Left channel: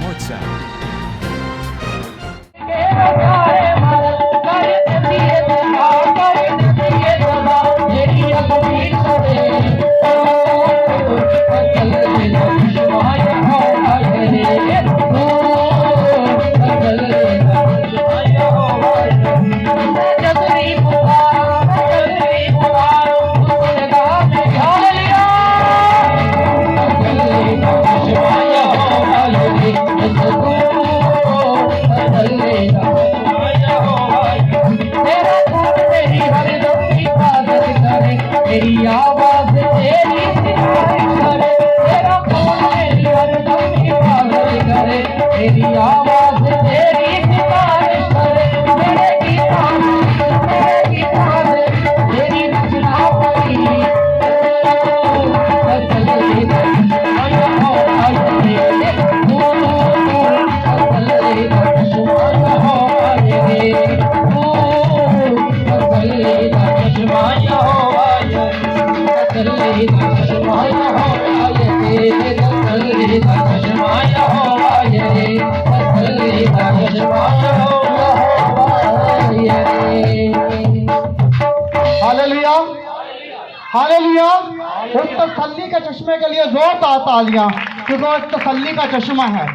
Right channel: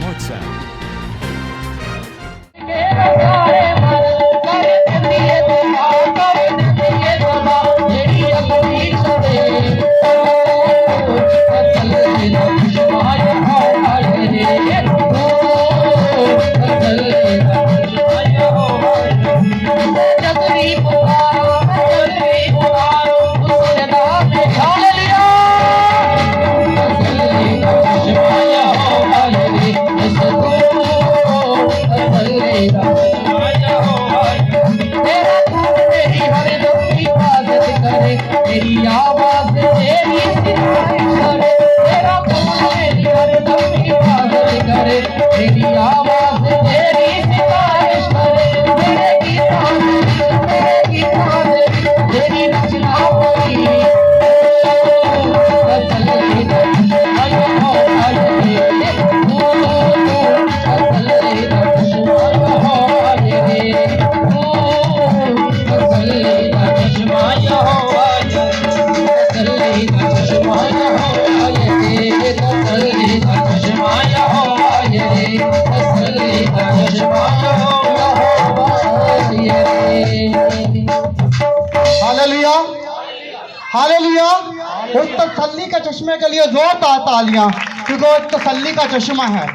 WhatsApp तेरी आवाज़ तेरी सिफारिश करे, तेरा बोल मेरी हरदम हिफाज़त करे, तेरी आवाज़ तेरी सिफारिश करे, मेरे गीता में तेरी रचना हुई। Hallelujah hallelujah. उस तसल्ली के चश्मे के लिए जोरदार तालियां, क्योंकि वो एक तसल्ली का चश्मा है।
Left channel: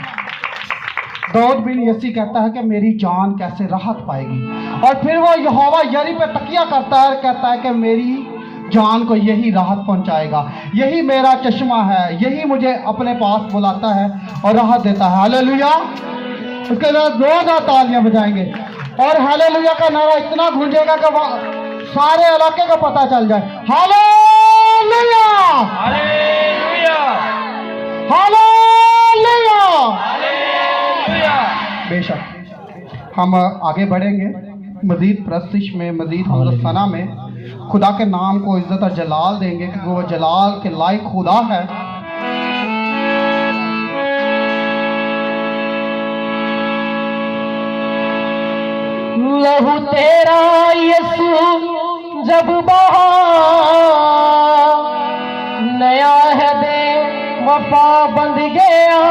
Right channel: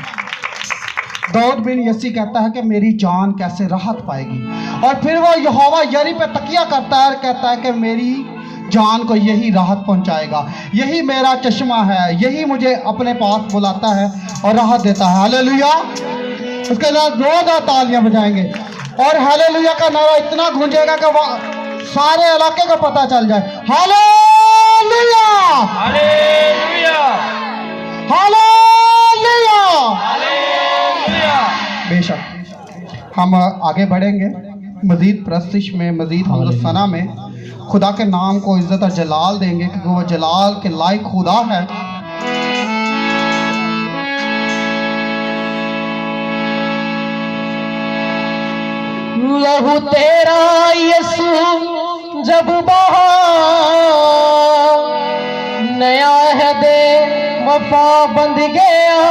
दाऊद बिन यसी कहता है कि मेरी जान कैसे राहत पाएगी, और फिर वो यहोवा यरी पे तकिया करता है, कहता है कि मेरी जान को यही राहत पहुंचाएगा, यही मेरा चश्मा है, यही मुझे अपने पास बुलाता है और राहत देता है। हालेलुया। उसके बाद जोरदार तालियां बजाएंगे और हालेलुया का नारा इतना गूंजेगा कि वो सारे इलाके को पता चल जाए। Hallelujah hallelujah hallelujah. बेशक हम आगे बढ़ेंगे मजीद प्रस्तिश में, मजीद हमदो-सना में, खुदा के नाम को इज्जत और जलाल देंगे, क्योंकि वो जलाल के लायक खुदा है। लहू तेरा यीशु जब बहा, नया है दे वफा बंध गया,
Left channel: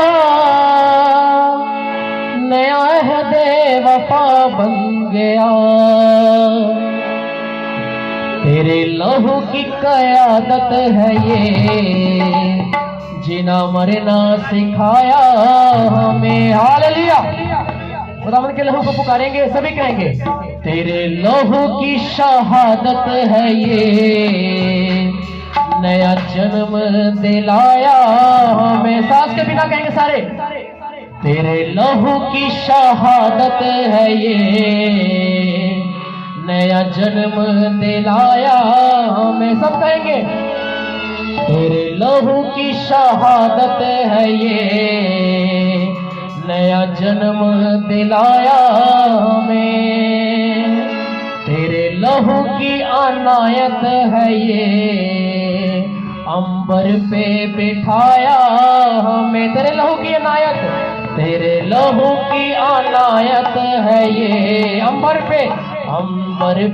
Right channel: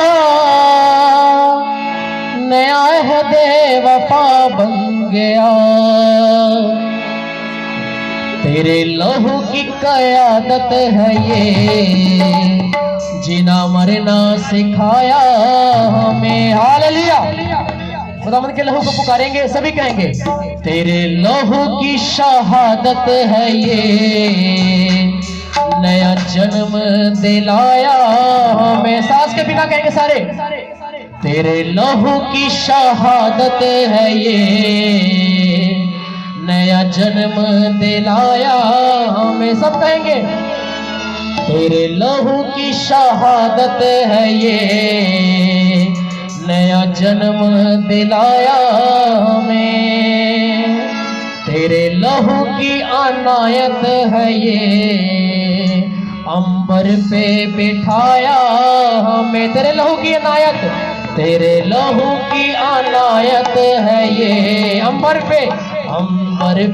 नया है दे वफा बन गया। तेरे लहू की क़यादत है ये, जीना मरना सिखाया हमें। हालेलुया। खुदावंद के लहू को पुकारेंगे, सभी कहेंगे तेरे लहू की शहादत है ये, नया जन्म दिलाया हमें। सांस के बिना कहेंगे सारे, तेरे लहू की शहादत है ये, नया जन्म दिलाया हमें। सब कहेंगे तेरे लहू की शहादत है ये, नया जन्म दिलाया हमें। तेरे लहू की अनायत है ये, अंबर पे बिठाया हमें। तेरे लहू की अनायत, तेरे लहू की अनायत है ये, अंबर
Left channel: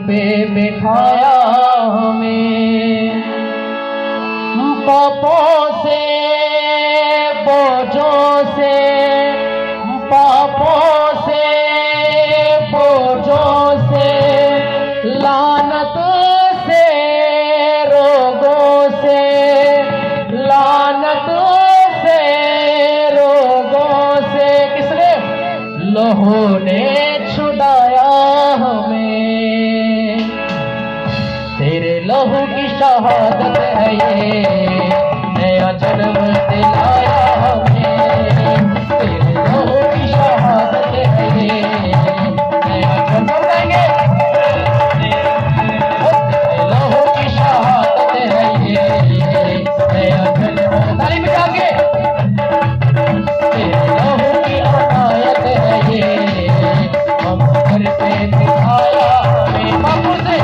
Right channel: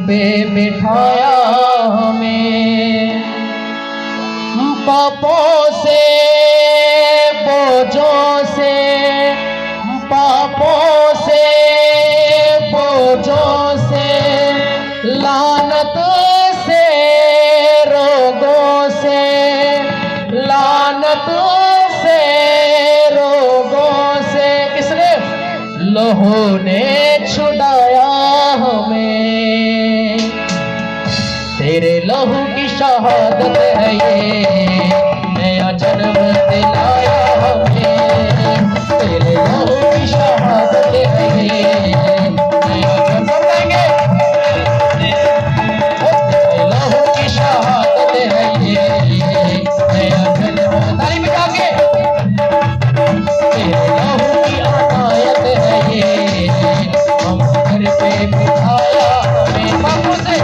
पे बिठाया हमें। पापों से बोझों से, पापों से बोझों से, लानत से रोगों से, लानत से रोगों से, किसने? लहू ने छुड़ाया हमें। तेरे लहू की शहादत है ये, नया जन्म दिलाया हमें। तेरे लहू की शहादत है ये, नया जन्म देंगे। तेरे लहू की शहादत है ये, नया जन्म। ताली बजा के, तेरे लहू की अनायत है ये, हम घर पे बिठाया हमें। बाबू से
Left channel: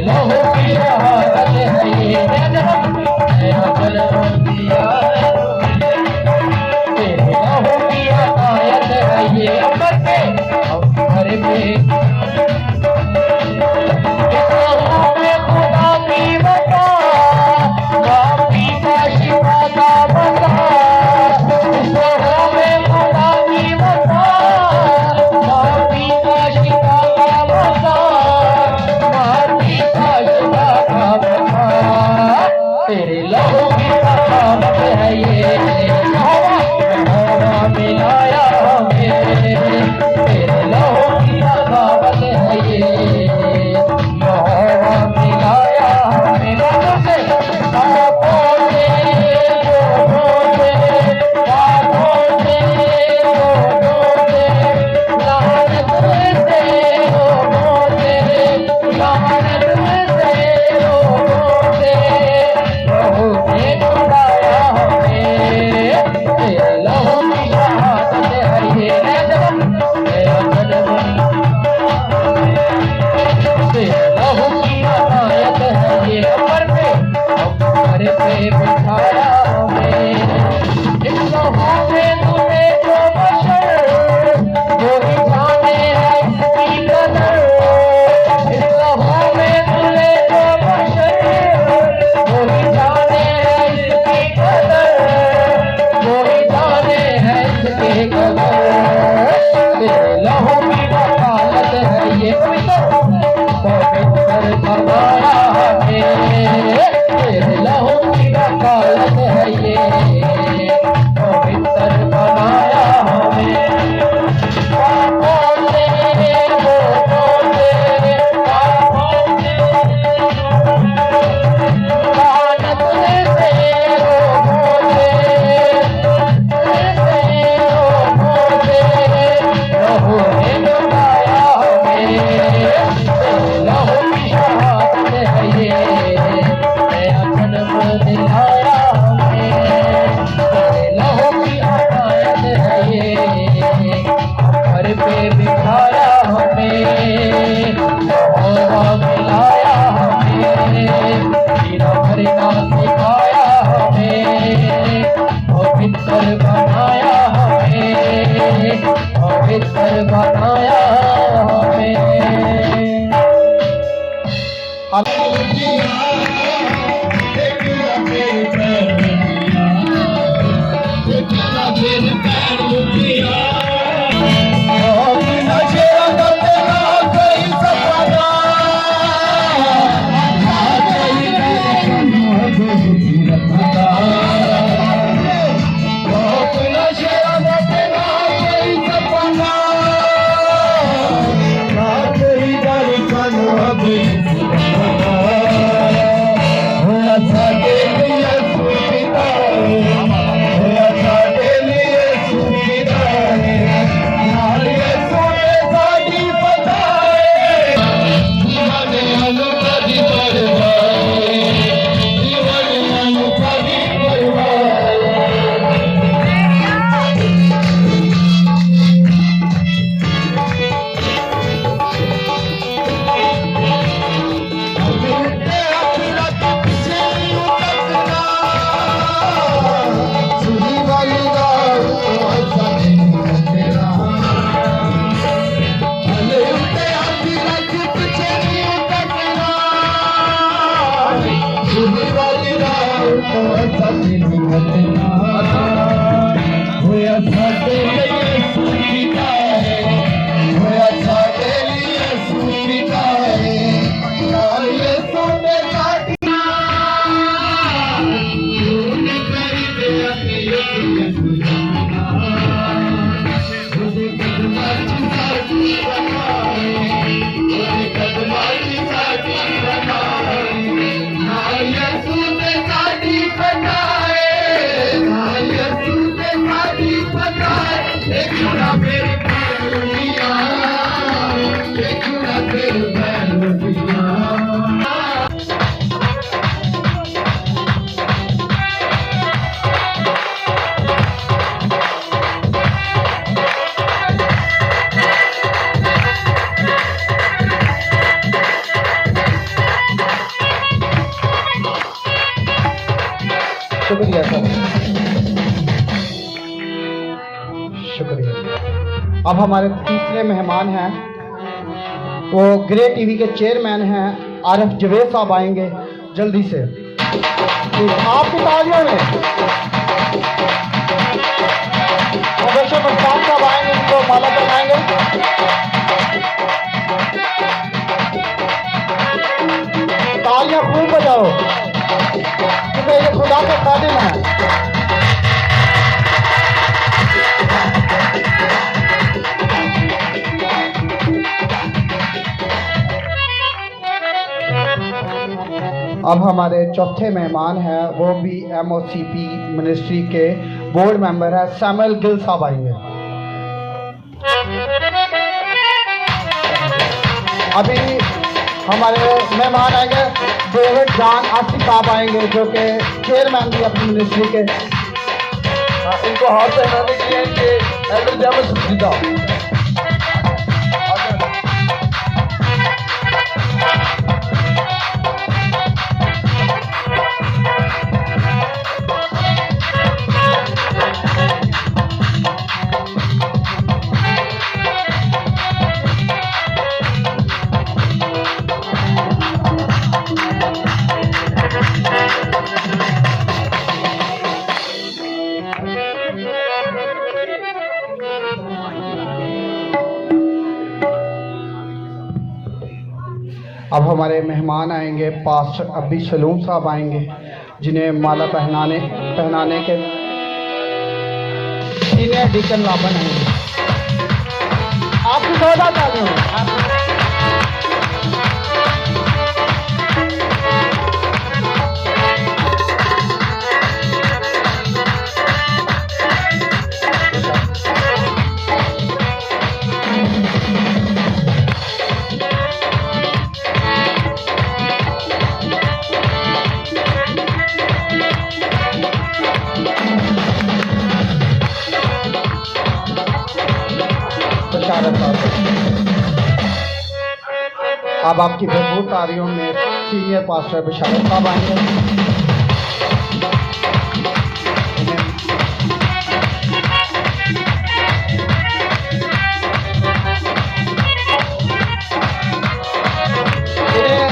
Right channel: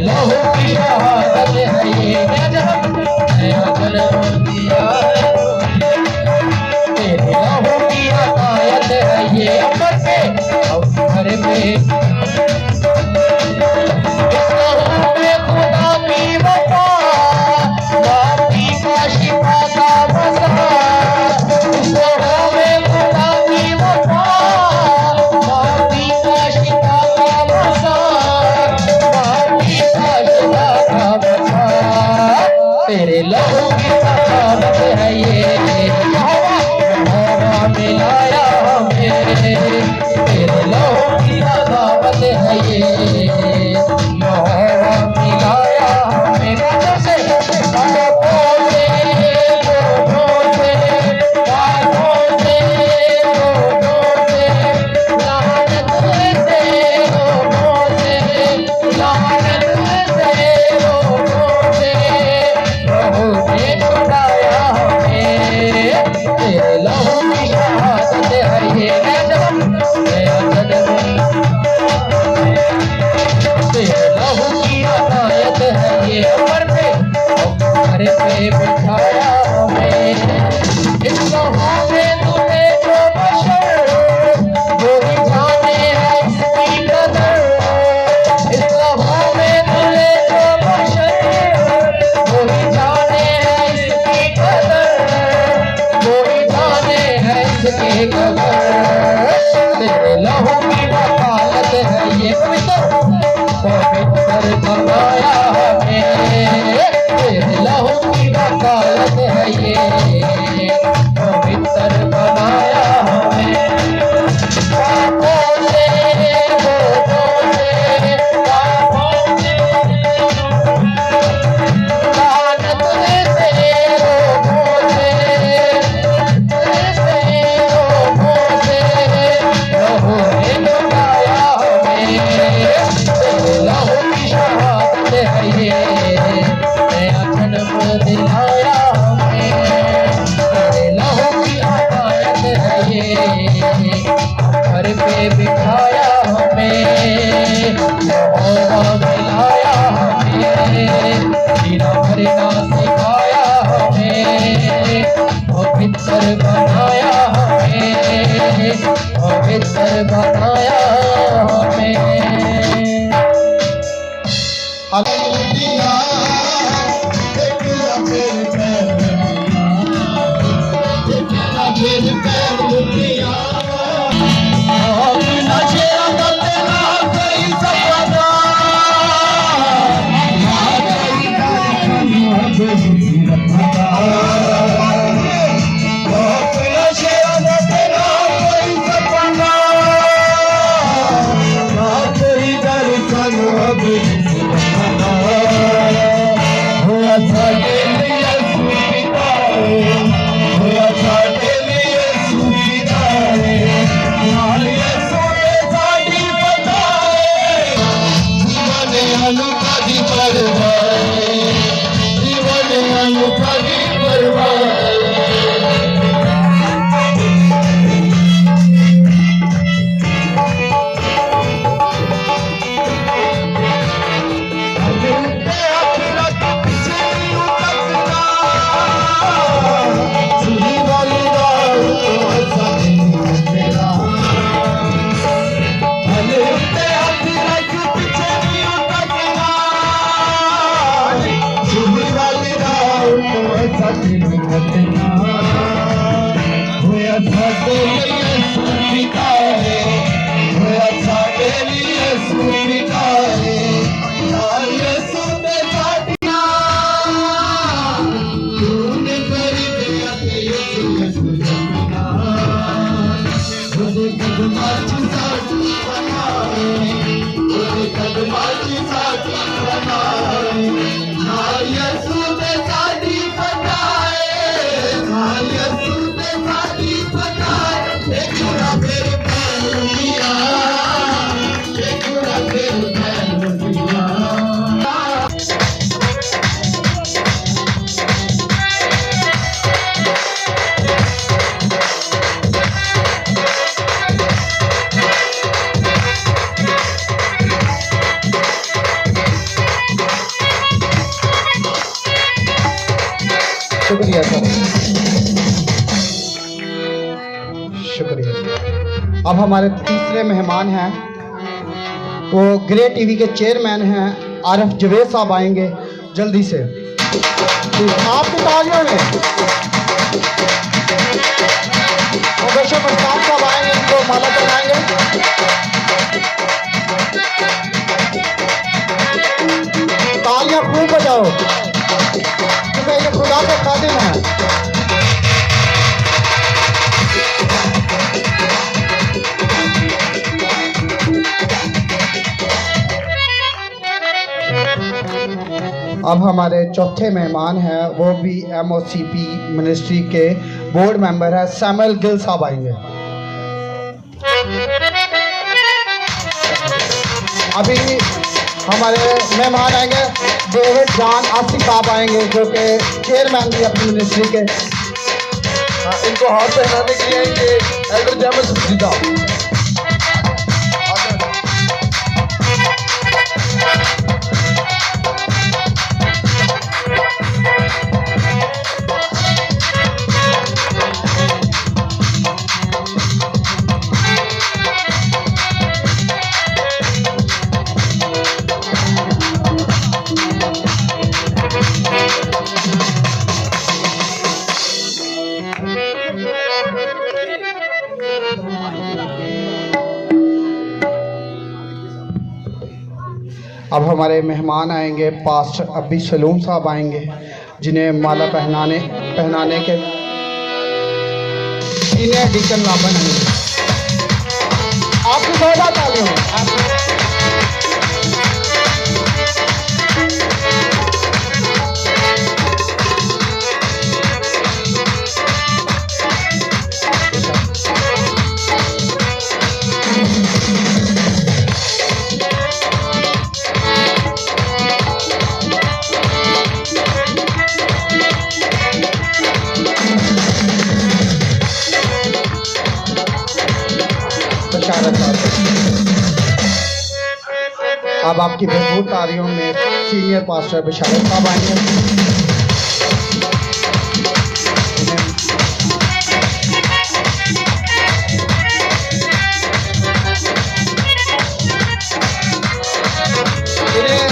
लहू की शहादत है ये, नया जन्म दिया। تیرے لہو کی سخاوت ہے یہ یہوہ ملایا ہمیں تیرے لہو کی سخاوت ہے یہ یہوہ ملایا ہمیں لوگوں سے پاپوں سے لوگوں سے پاپوں سے لوگوں سے لعنت سے لوگوں سے لعنت سے لوگوں سے لہو نے چھڑایا ہمیں تیرے لہو کی شہادت ہے یہ نیا جنم تیرے لہو کی عنایت ہے یہ عمر پہ بٹھایا ہمیں اس لہو میں تمہیں جو بشر وہی جانے ہے اس کی قدر اس لہو میں تمہیں جو بشر وہی جانے ہے اس کی قدر وہی جانے ہے اس کی قدر تیرے لہو کی وکالت ہے یہ پوتر بنایا ہمیں تیرے لہو کی وکالت ہے یہ پوتر بنایا ہمیں پاپوں سے لوگوں سے پاپوں سے لعنت سے لوگوں سے لوگوں سے لہو نے چھڑایا ہمیں تیرے لہو کی شہادت ہے یہ نیا جنم دلایا ہمیں تیرے لہو کی عنایت ہے یہ گھر پہ بٹھایا ہمیں یہوہ ملایا ہمیں جینا بھرنا سکھایا ہمیں پوتر بنایا ہمیں پوتر بنایا ہمیں شکریہ سر، شکریہ۔ اب ہمارے تیسرے مہمان ہیں، وہ گرے ٹی وی کے چیئرمین ہیں عارف جوید صاحب آئیں گے جلدی سے۔ آپ کی تالیوں میں مبشر مشتاق صاحب آئیں گے، ان کو مالا پہنائیں گے۔ تالیاں خوب بجاؤ، اب ہمارے چوتھے مہمان ہیں، وہ بھی MOCP منسٹری کے بورڈ ممبر ہیں، سیموئل گل صاحب آئیں گے۔ ابھی ہمارے مہمان آئیں گے، ڈیوڈ جان آصف صاحب آئیں گے جو کہ چیئرمین بھی اپنی منسٹری کے۔ ان کو ہاتھ پہنانے کے لیے کہ ایلڈر جیمس سیدھا اب ہمارے مہمان آئیں گے، پاسٹر ابی سلوم صاحب آئیں گے جنہیں مالا پہنانے کے سینئر ڈیکن لابن آئیں گے۔ آپ کی زیادہ تالیوں میں اب آپ کی بھرپور تالیوں میں سینئر پاسٹر بشارت صاحب آئیں گے۔ انہیں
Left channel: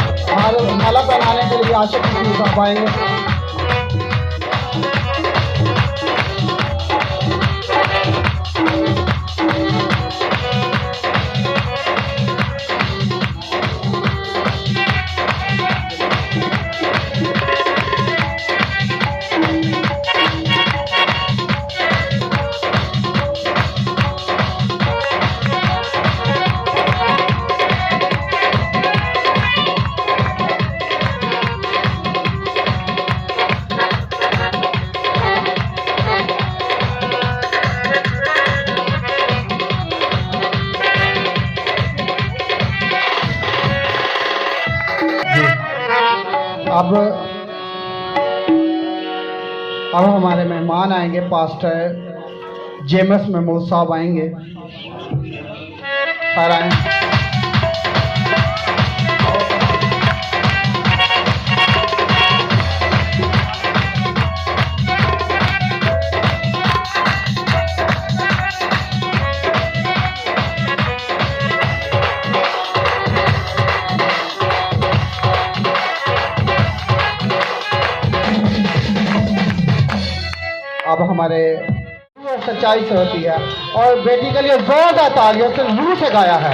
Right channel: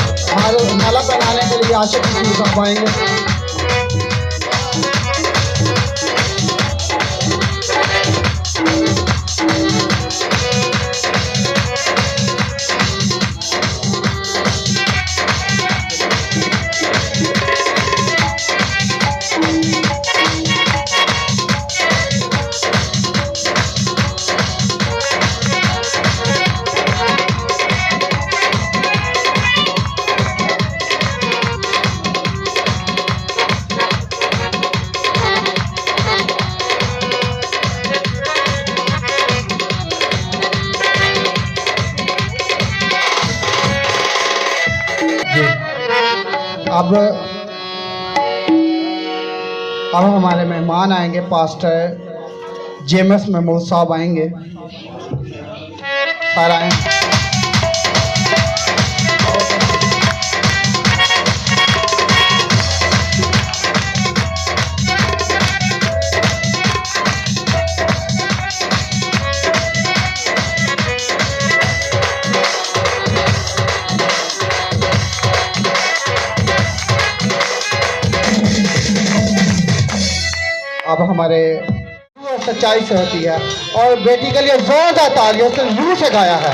مالا پہنانے کے لیے عاشق حسین صاحب آئیں گے۔ اب ہمارے مہمان آئیں گے، پاسٹر جیمس محمود صاحب آئیں گے۔ سارا آئیں۔ اب ہمارے سچائی سے ہوتی ہے اور بیٹی کے لیے زوردار تالیوں سے روح سے گایا ہے۔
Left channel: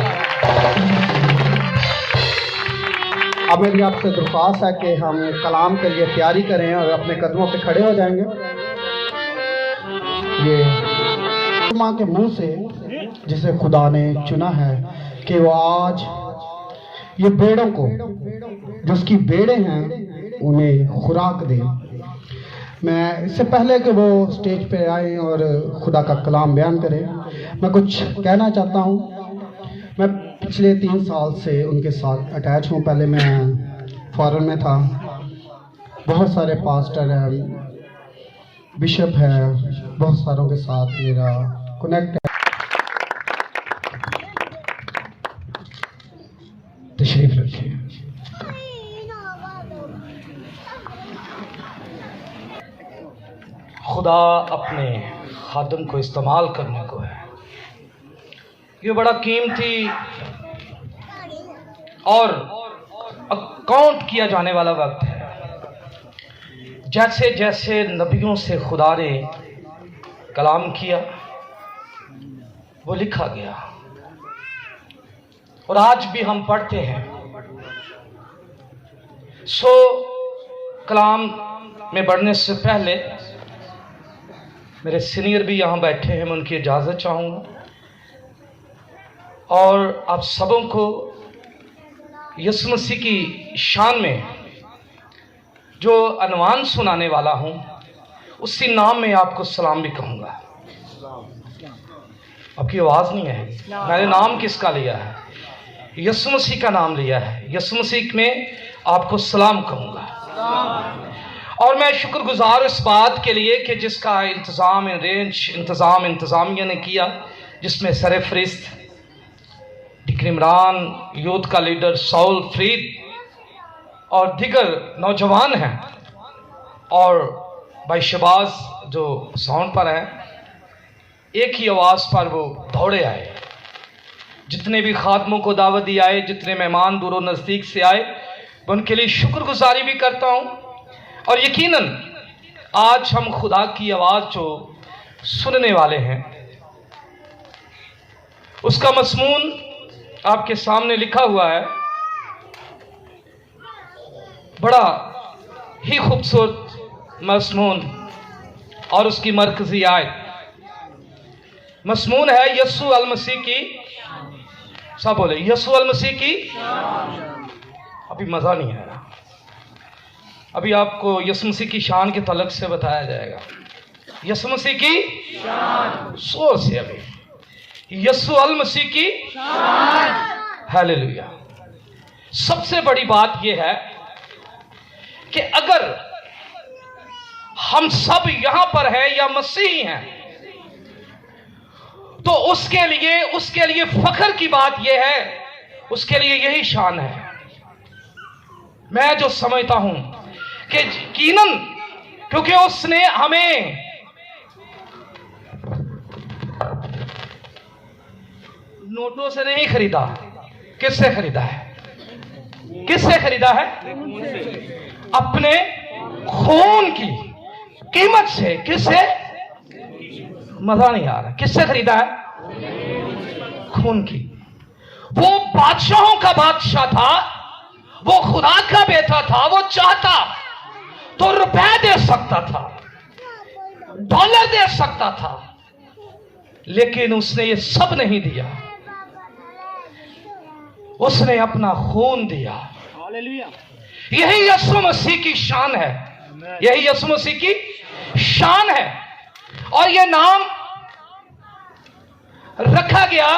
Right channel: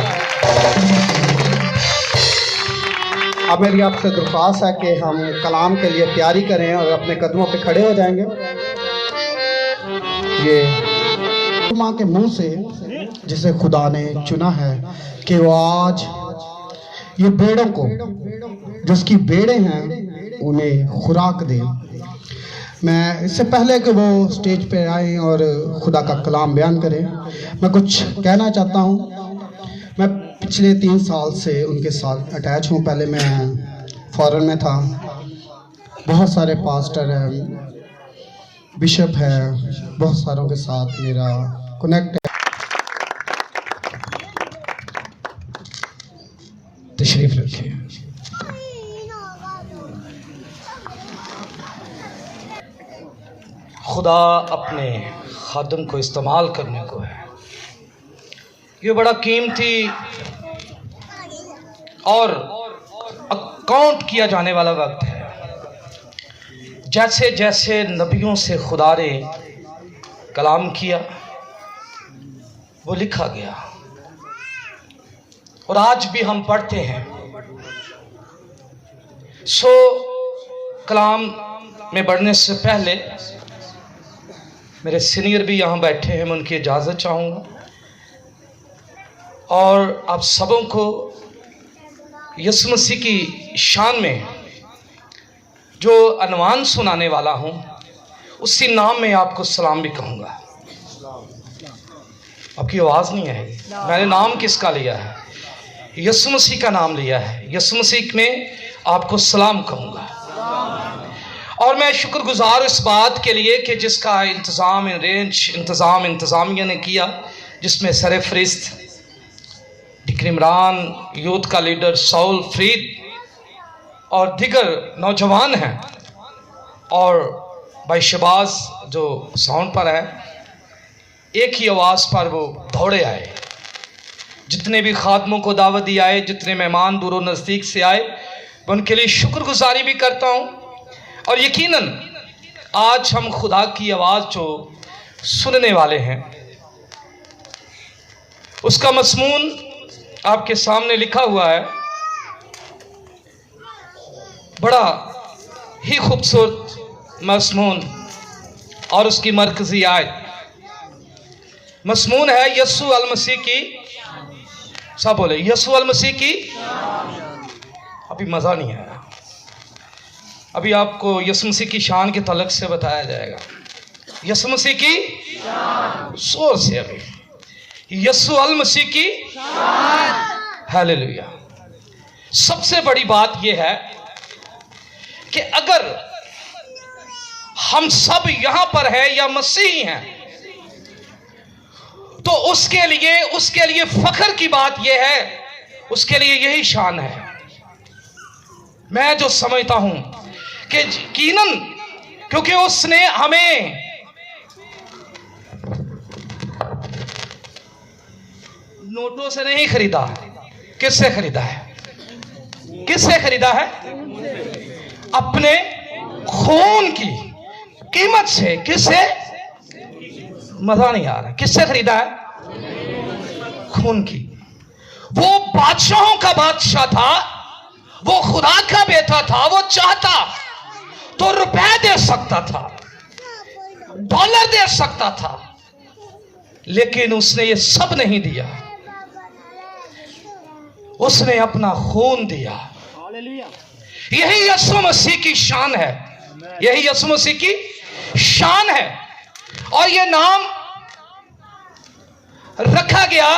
اب میری آپ سے درخواست ہے کہ ہم کلام کے لیے تیاری کریں اور اپنے قدموں پہ کھڑے ہو جائیں گے۔ یہ ماں کے منہ سے جسے خدا نے چنا ہے کہ وہ آج یہ بیڑوں کو جو اس کی بیڑے ہیں انہیں خوراک دے۔ میں اس سے پہلے کہ وہ اسٹیج پہ آئیں اور خدا کا کلام بیان کریں، میں کچھ کہنا چاہتا ہوں۔ میں پچھلے 3 سال سے ان کے ساتھ اٹیچ ہوں۔ پہلے میں فارن میں تھا، بہت سارے پاسٹر ہیں، بشپ ہے، بہت ساروں کے ساتھ میرا کنیکٹ ہے۔ تشریف رکھیے۔ خدا اپنے خادم کو استعمال کرنے کو ہے۔ یہ بڑا قیمتی اور اکاؤنٹ کیا جانے والا وقت ہے۔ جیسے جیسے نبیوں سے خدا نے کلام کیا وہ لکھا گیا، اور آج بھی ہم پڑھتے ہیں۔ کلام میں بڑھنے سے پہلے میرے سینئر بھی یہاں بیٹھے ہیں، میں ان کی اجازت چاہوں گا، اور آپ سبوں کو یسوع مسیح کی شان میں जो अनवान सुनाने वाला हूं, उसी नाम में आपको सलाम भी कहूंगा। आपकी आवाज नहीं है। मैंने नाम किसका लिया है? यीशु मसीह का नाम लिया है। यीशु मसीह में आपको सलाम कहूंगा। और मैं शुक्रगुजार इस बात के लिए कि जिसका इंतजामिया ने किया, जिसमें सरफरिस्त डिकन इमरान, यूथ का लीडर साउल फरीद और दिगर नौजवान हैं, और भाई शबाज जो साउंड पर है, एक ही आवाज़ पर वो दौड़े आए। जितने भी खादमों को दावत दी आए, जितने मेहमान दूरों नज़दीक से आए, मैं उनके लिए शुक्रगुजारी भी करता हूँ। और यकीनन आज हम खुदा की आवाज़ जो सुनने वाले हैं, उसका मज़मून आपके सामने लिखा हुआ है। बड़ा ही खूबसूरत मज़मून, और उसकी मरकज़ी आयत मज़मून है यीशु अल मसीह की। सब बोले यीशु अल मसीह की। अभी मज़ा नहीं आया, अभी आपको यीशु मसीह की शान के तलक से बताया जाएगा। यीशु मसीह की जोर से, अभी यीशु अल मसीह की। हालेलुया। सबसे बड़ी बात यह है कि अगर हम सब यहां पर हैं या मसीही हैं, तो उसके लिए फख्र की बात यह है, उसके लिए यही शान है। मैं जो समझता हूं कि यकीनन, क्योंकि उसने हमें नोटों से नहीं खरीदा। किससे खरीदा है? किससे खरीदा है? अपने खून की कीमत से। किससे? मजा नहीं आ रहा। किससे खरीदा है? खून की। वो बादशाहों का बादशाह था, वो खुदा का बेटा था। वो चाहता तो रुपए दे सकता था, डॉलर दे सकता था, लेकिन उसने ये सब नहीं दिया। उसने अपना खून दिया। यही यीशु मसीह की शान है। यही यीशु मसीह की शान है। और ये नाम रखा गया,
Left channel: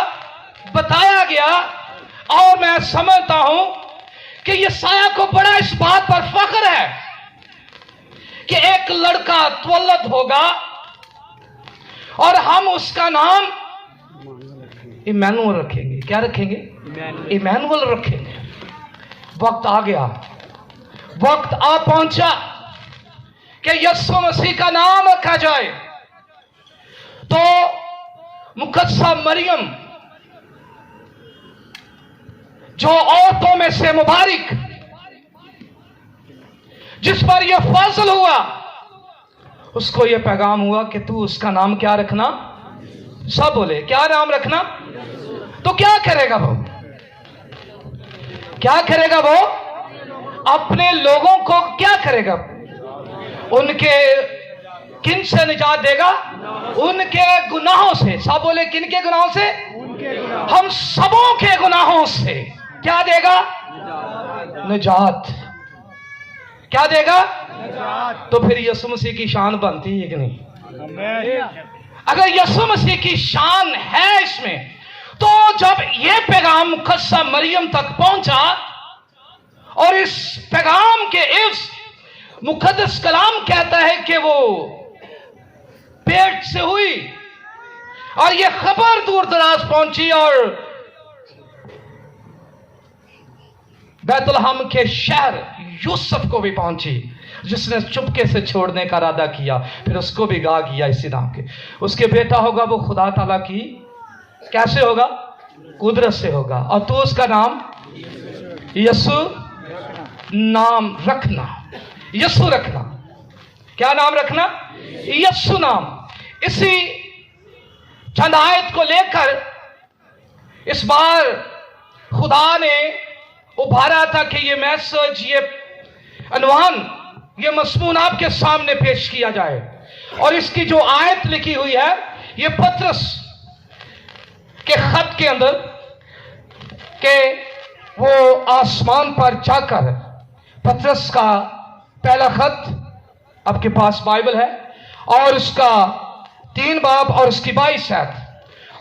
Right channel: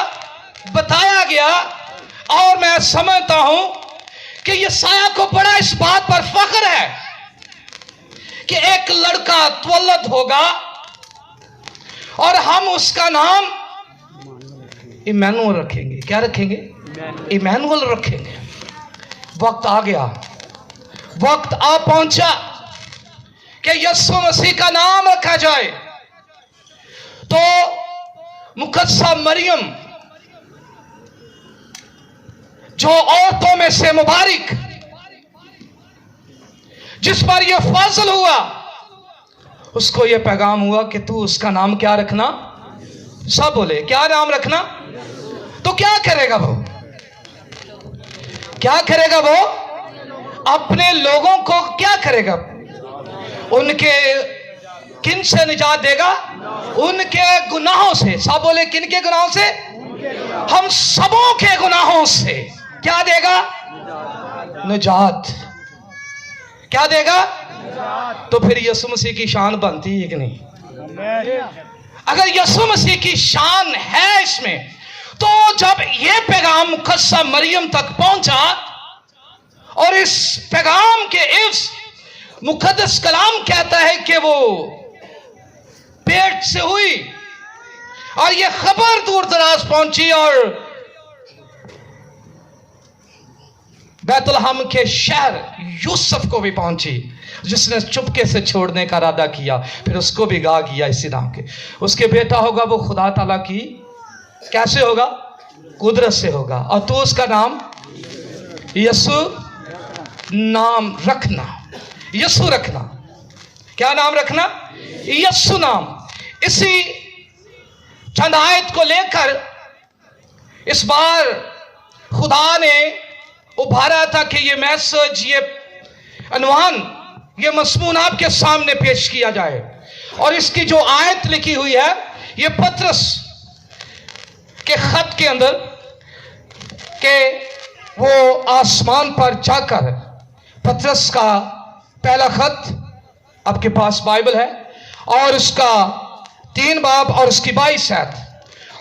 बताया गया, और मैं समझता हूं कि यशायाह को बड़ा इस बात पर फख्र है कि एक लड़का त्वलद होगा और हम उसका नाम इमैनुअल रखेंगे। क्या रखेंगे? इमैनुअल रखेंगे। वक्त आ गया, वक्त आ पहुंचा कि यीशु मसीह का नाम रखा जाए। तो मुकद्दसा मरियम, जो औरतों में से मुबारक, जिस पर यह फाजल हुआ, उसको यह पैगाम हुआ कि तू उसका नाम क्या रखना? सब बोले क्या नाम रखना? तो क्या करेगा वो? क्या करेगा वो? अपने लोगों को क्या करेगा? उनके किन से निजात देगा? उनके गुनाहों से। सब बोले किन के गुनाहों से? हम सबों के गुनाहों से क्या देगा? निजात। क्या देगा? तो फिर यीशु मसीह की शान बनती है कि नहीं? अगर यीशु मसीह की शान है इसमें, तो जब ये पैगाम मुकद्दसा मरियम तक पहुंचा, और इस पैगाम के इस मुकद्दस कलाम कहता है कि वो पेट से हुई, और ये खबर दूर दराज पहुंची और बैतलहम के शहर यूसुफ को भी पहुंची, जिसने चुपके से छोड़ने का इरादा किया, फिर उसको भी गा किया इसी नाम के। उसके बेटा होगा वो खुदा ताला की कैसे होगा? कुदरत से होगा। और तो उसका नाम यीशु नाम रखना। यीशु रखना। क्या नाम रखना? यीशु नाम। इसी चंद आयत को लेकर इस बार खुदा ने उभारा था कि ये मैसेज, ये अनवान, ये मज़मून आपके सामने पेश किया जाए। और इसकी जो आयत लिखी हुई है, ये पतरस के खत के अंदर के वो आसमान पर जाकर पतरस का पहला खत, आपके पास बाइबल है, और उसका 3 बाब और उसकी 22 आयत।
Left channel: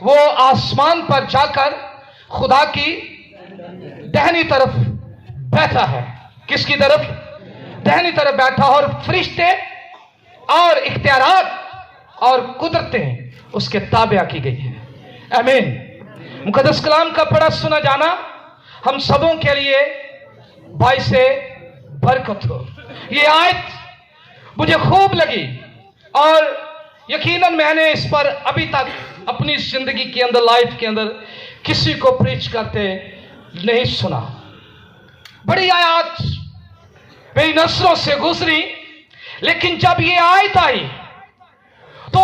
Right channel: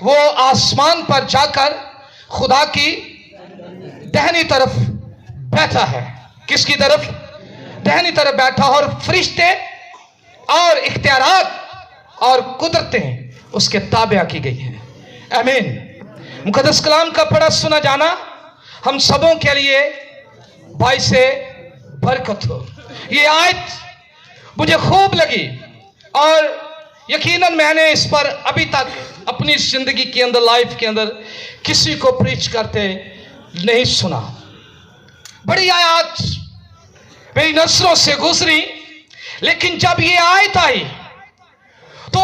वो आसमान पर जाकर खुदा की दाहिनी तरफ बैठा है। किसकी तरफ? दाहिनी तरफ बैठा, और फरिश्ते और इख्तियारात और कुदरतें उसके ताबे की गई हैं। आमीन। मुकद्दस कलाम का पढ़ा सुना जाना हम सबों के लिए बाइस बरकत हो। ये आयत मुझे खूब लगी और यकीनन मैंने इस पर अभी तक अपनी जिंदगी के अंदर, लाइफ के अंदर किसी को प्रीच करते नहीं सुना। बड़ी आयत मेरी नस्लों से गुजरी, लेकिन जब ये आयत आई तो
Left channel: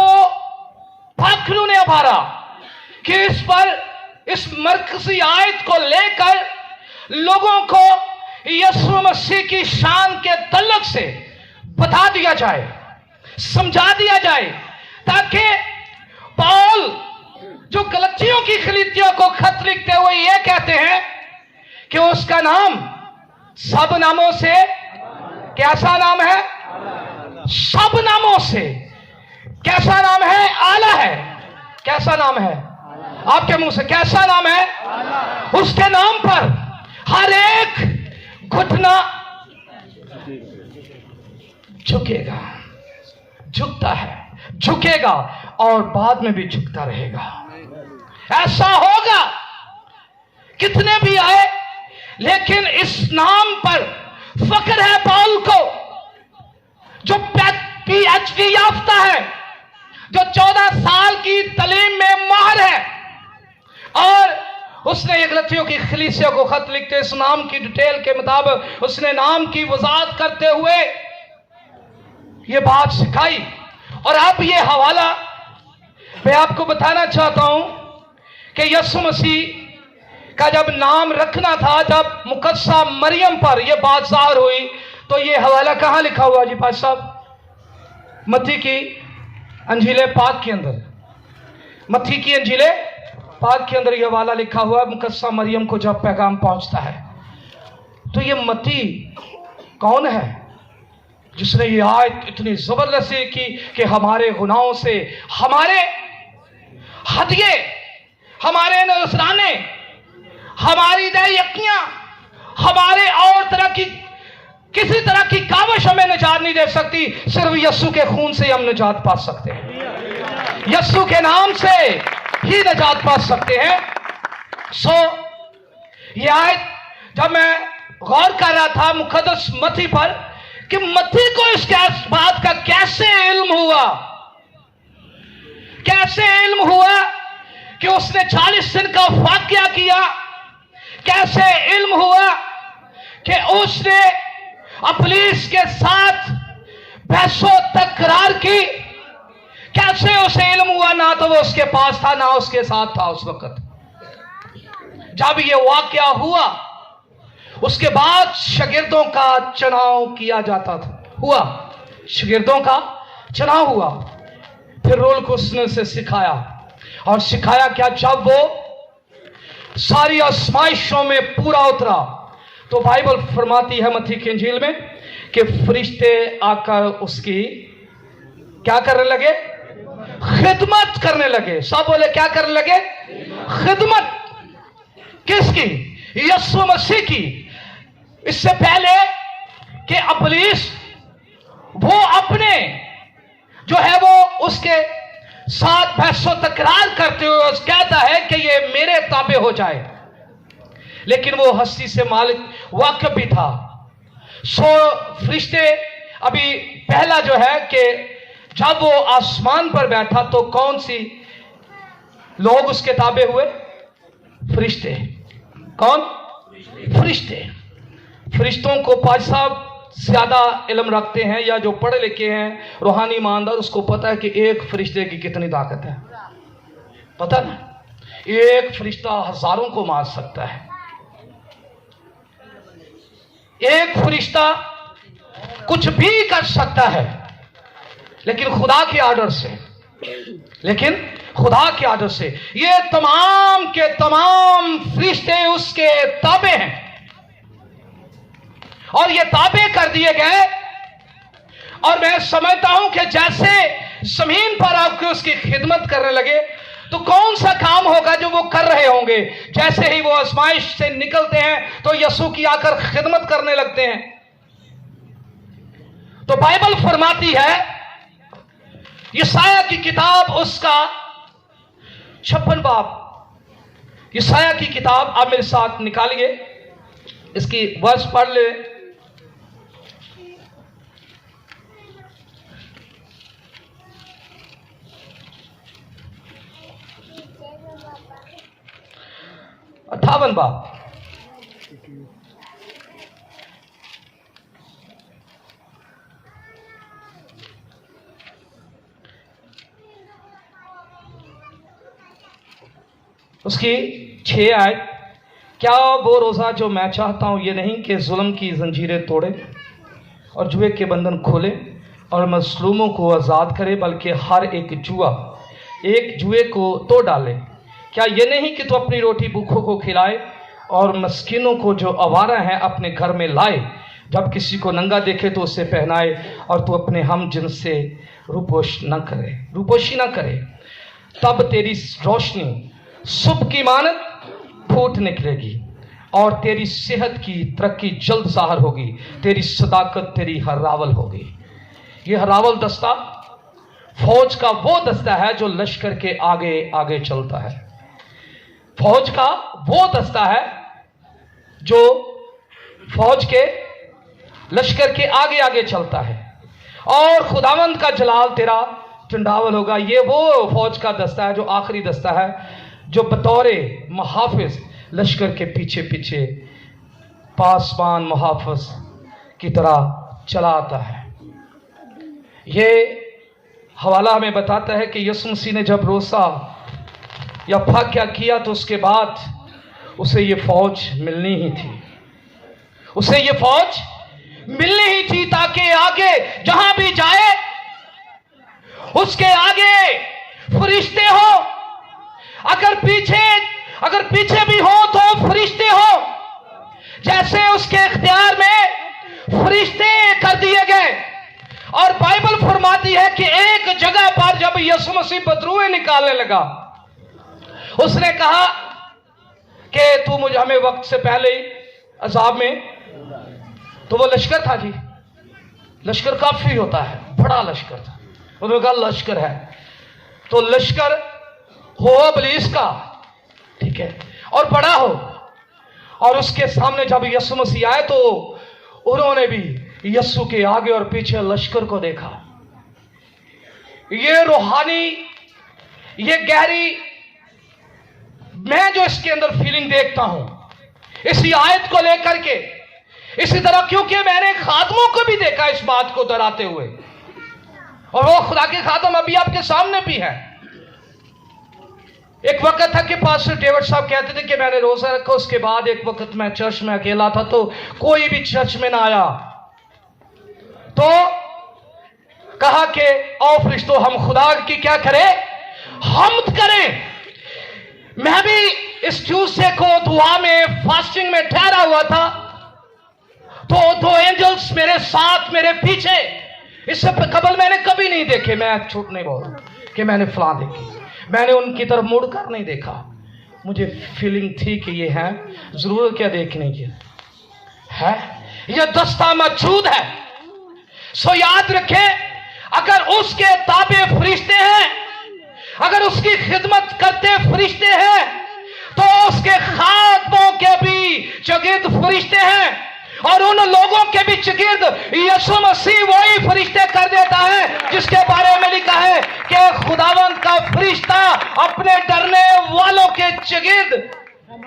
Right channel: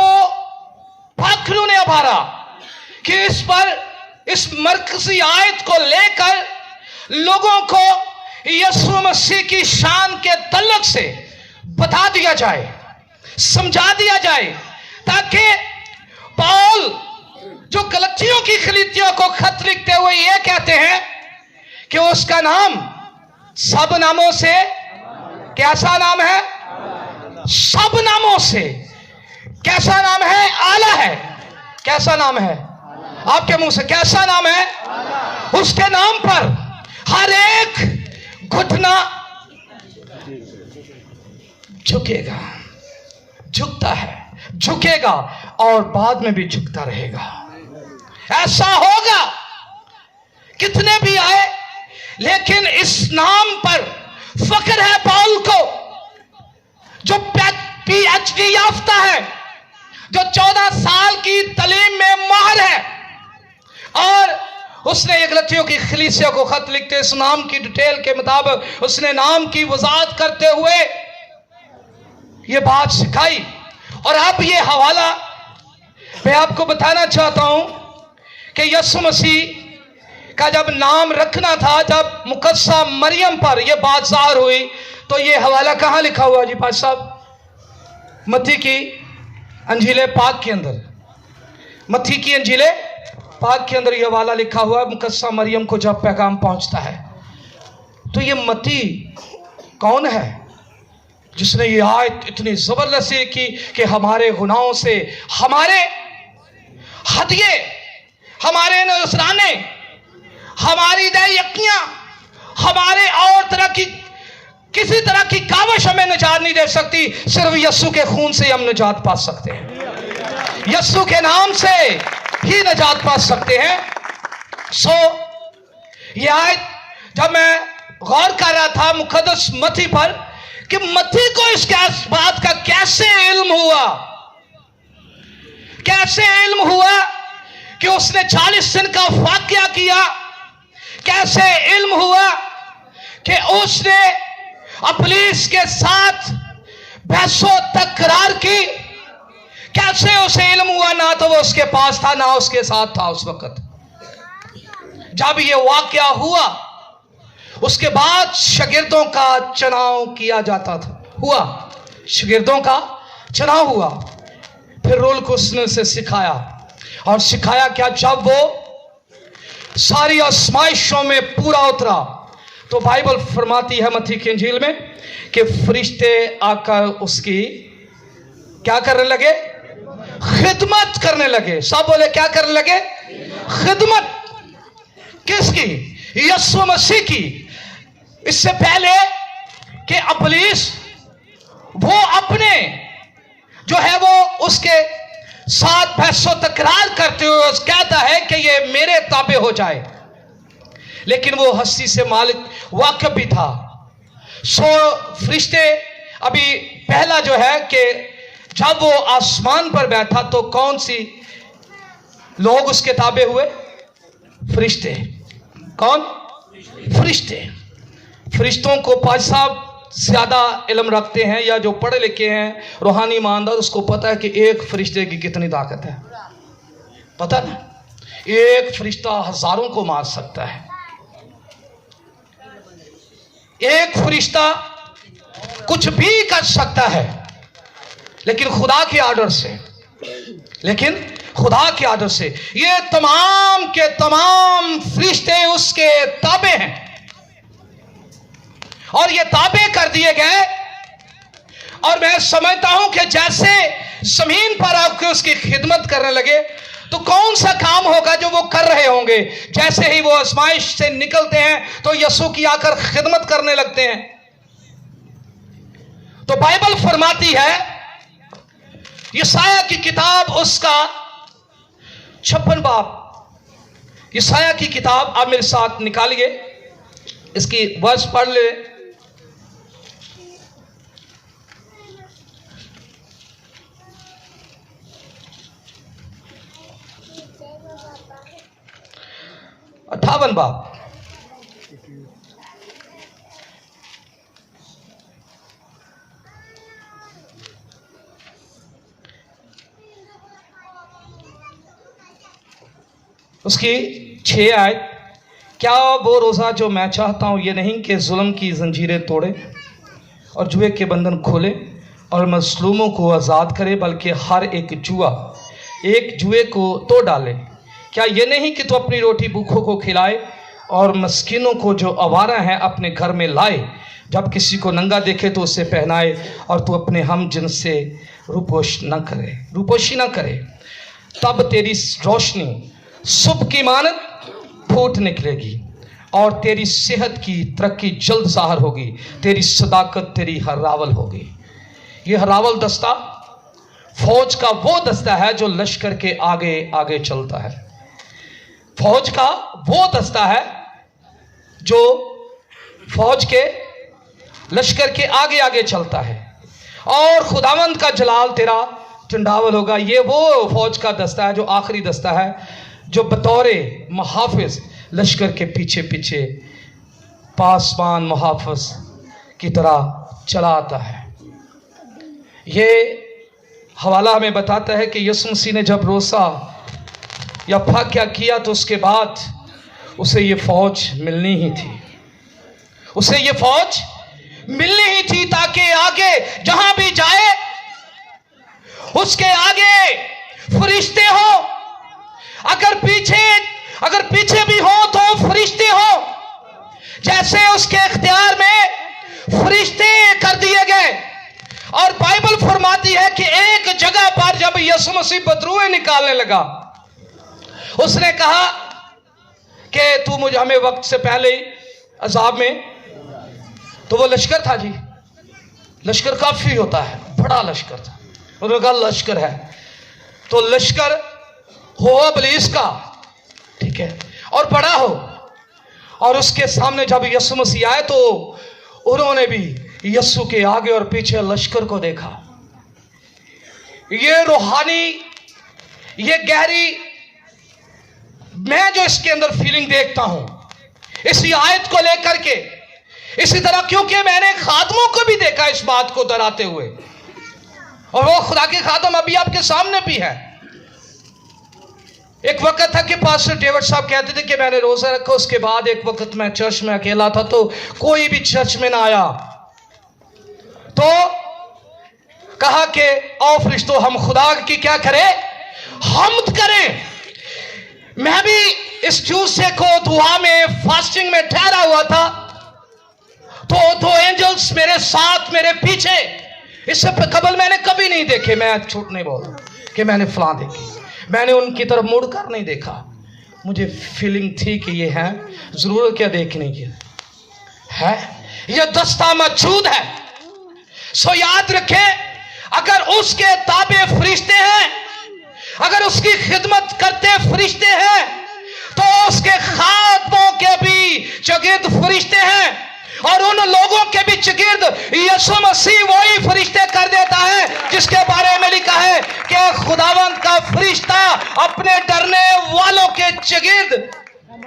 पाखरू ने अभारा कि इस पर, इस मरकजी आयत को लेकर लोगों को यीशु मसीह की शान के तल्लुक से बता दिया जाए, समझा दिया जाए, ताकि पौल जो गलतियों की खलीतियों को खत लिखते हुए ये कहते हैं कि उसका नाम सब नामों से, कैसा नाम है? सब नामों से कैसा नाम है? आला है। कैसा नाम है? आपके मुंह से कैसा नाम है? उसके नाम पर हर एक घुटना झुकेगा, झुकता है, झुकेगा और बाद में भी झुकता रहेगा। ऐसा होगा, कितने भी आए, लेकिन इस नाम पर फख्र है पौल को, जो PhD याफ्ता है, जो 14 साल की तालीम में माहिर है, और उसने ये गलतियों की खलीसिया को खत लिखते इस नाम की डिटेल के मुताबिक उसने नाम की वजाहत करते हुए ये बात सिखाई। और अब ये हवाला मैं आपको बताना चाहता हूं कि यीशु मसीह का जब नाम रखना था, जब मुकद्दसा मरियम पर यह बात ज़ाहिर हुई, तो ये हवाला कहां लिखा हुआ जी पास साहब? मत्ती की अंजील पाक के अंदर, मत्ती की अंजील पाक के अंदर यह हवाला लिखा हुआ है। मुकद्दसा मरियम को जब पैगाम पहुंचता है, तो ये मत्ती कौन है जिसने ये आयत इतनी जबरदस्ती की कि हमारे गुनाहों से, हमारे हदिये, हमारे नजराने, हमारी दैयकियां, हमारे और तरह की किसी तरह की काविश हमें निजात नहीं दे सकती। सिर्फ यीशु के खून से हम निजात पा सकते हैं, यीशु के नाम से ही निजात पा सकते हैं। ये आयत जब मैं गौर कर रहा था मुकद्दस मत्ती पर, कि मत्ती को इस बात का कैसे इल्म हुआ, कैसे इल्म हुआ कि उसने 40 दिन का वाकया किया, कैसे इल्म हुआ कि उसने इब्लीस के साथ बहसो तकरार की, कैसे उसे इल्म हुआ? ना तो वो उसके पास था, ना उसके साथ था उस वक्त जब ये वाकया हुआ। उसके बाद शागिर्दों का चुनाव किया जाता था, हुआ, शागिर्दों का चुनाव हुआ। फिर रोल को उसने से सिखाया, और सिखाया क्या? जब वो सारी आजमाइशों में पूरा उतरा, तो बाइबल फरमाती है मत्ती की इंजील में कि फरिश्ते आकर उसकी क्या करने लगे? खिदमत करने लगे। सब बोले क्या करने लगे? खिदमत। किसकी? यीशु मसीह की। इससे पहले कि इब्लीस वो अपने जो है वो उसके साथ बहसो तकरार करते हुए कहता है कि ये मेरे ताबे हो जाए, लेकिन वो हस्ती से मालिक वाकिफ भी था। फरिश्ते, अभी पहला जो है कि जब वो आसमान पर बैठा तो कौन सी लोग उसके ताबे हुए? फरिश्ते। कौन? फरिश्ते। फरिश्तों को पाज साहब ज्यादा इल्म रखते हैं, या जो पढ़े लिखे हैं, रूहानी ईमानदार, उसको पता है कि एक फरिश्ते की कितनी ताकत है। पता ना, एक फरिश्ता हजारों को मार सकता है। एक फरिश्ता कुछ भी कर सकता है, लेकिन खुदा के आर्डर से, लेकिन खुदा के आर्डर से। ये तमाम के तमाम फरिश्ते उसके ताबे हैं, और ये ताबे कर दिए गए اور میں سمجھتا ہوں کہ جیسے زمین پر آپ کے اس کی خدمت کرنے لگے تو کون سا کام ہوگا جو وہ کر رہے ہوں گے. جیسے ہی وہ آزمائش سے نکلتے ہیں تو یسوع کی آ کر خدمت کرنے لگتے ہیں. تو بائبل فرماتی ہے یسایہ کی کتاب اس کا 56 باب، یسایہ کی کتاب آپ میرے ساتھ نکالیے، اس کی ورس پڑھ لے. اٹھاون باب. اس کی 6 آیت. کیا وہ روزہ جو میں چاہتا ہوں یہ نہیں کہ ظلم کی زنجیریں توڑے اور جوئے کے بندھن کھولے اور مظلوموں کو آزاد کرے، بلکہ ہر ایک جوئے کو توڑ ڈالے. کیا یہ نہیں کہ تو اپنی روٹی بھوکھوں کو کھلائے اور مسکینوں کو جو آوارہ ہیں اپنے گھر میں لائے، جب کسی کو ننگا دیکھے تو اسے پہنائے، اور تو اپنے ہم جن سے روپوشی نہ کرے. تب تیری روشنی صبح کی مانند پھوٹ نکلے گی اور تیری صحت کی ترقی جلد ظاہر ہوگی. تیری صداقت تیری ہراول ہوگی. یہ ہراول دستہ فوج کا وہ دستہ ہے جو لشکر کے آگے آگے چلتا ہے. فوج کا وہ دستہ ہے جو فوج کے لشکر کے آگے آگے چلتا ہے. اور خداوند کا جلال تیرا چنڈاول ہوگا. یہ وہ فوج کا دستہ ہے جو آخری دستہ ہے، جو بطور محافظ لشکر کے پیچھے پیچھے پاسبان محافظ کی طرح چلا آتا ہے. یہ حوالہ ہمیں بتاتا ہے کہ یسوع مسیح نے جب روزہ یا پھاکیا کیا تو اس کے بعد اسے یہ فوج ملنی ہی تھی. اسے یہ فوج ملنی ہی تھی تاکہ آگے جہاں بھی جائے اس کے آگے فرشتے ہو. اگر پیچھے بھی ہو تو فرشتے ہو. جیسے اس کے اختیار میں فرشتے کر دیے گئے. اور بائبل فرماتی ہے کہ ایک جگہ پر جب یسوع مسیح بدروئیں نکالنے لگا، اس نے کہا کہ تو مجھے ہمیں وقت سے پہلے ہی عذاب میں. تو وہ لشکر تھا جی، لشکر کافی ہوتا ہے، بڑا لشکر تھا. انہوں نے کہا لشکر ہے تو لشکر ہو ابلیس کا، ٹھیک ہے، اور بڑا ہو. اور اس کے سامنے جب یسوع مسیح آئے تو انہوں نے بھی یسوع کے آگے اور پیچھے لشکر کو دیکھا. یہ روحانی، یہ گہری، میں جو اس کے اندر فیلنگ دیکھتا ہوں اسی آیت کو لے کر کے، اسی طرح کیونکہ میں نے خادموں کو بھی دیکھا اس بات کو دراتے ہوئے، اور وہ خدا کے خادم ابھی آپ کے سامنے بھی ہے. ایک وقت تھا کہ پاسٹر ڈیوڈ صاحب کہتے تھے کہ میں نے روزہ رکھا، اس کے بعد ایک وقت میں چرچ میں اکیلا تھا تو کوئی بھی چرچ میں نہ آیا، تو کہا کہ آؤ فرشتوں ہم خدا کی کیا کریں، حمد کریں. میں بھی اس ٹیوزڈے کو دعا میں فاسٹنگ میں ٹھہرا ہوا تھا تو 2 اینجلز میرے ساتھ میرے پیچھے، اس سے قبل میں نے کبھی نہیں دیکھے. میں جھوٹ نہیں بول رہا کہ میں نے فلاں دیکھی، میں نے ان کی طرف مڑ کر نہیں دیکھا. مجھے فیلنگ تھی کہ یہ ہے، ضرورت کیا دیکھنے کی ہے، یہ دستہ موجود ہے. سو یاد رکھیں، اگر اس کے تابع فرشتے ہیں، اگر اس کی خدمت کرتے فرشتے ہیں، تو اس کے خادموں کے بھی چگرد فرشتے ہیں، اور ان لوگوں کے بھی چگرد یسوع مسیح وہی فرشتے کر دیتا ہے جس کے بارے میں لکھا ہے کہ خداوند کا فرشتہ اپنے ڈرنے والوں کے چگرد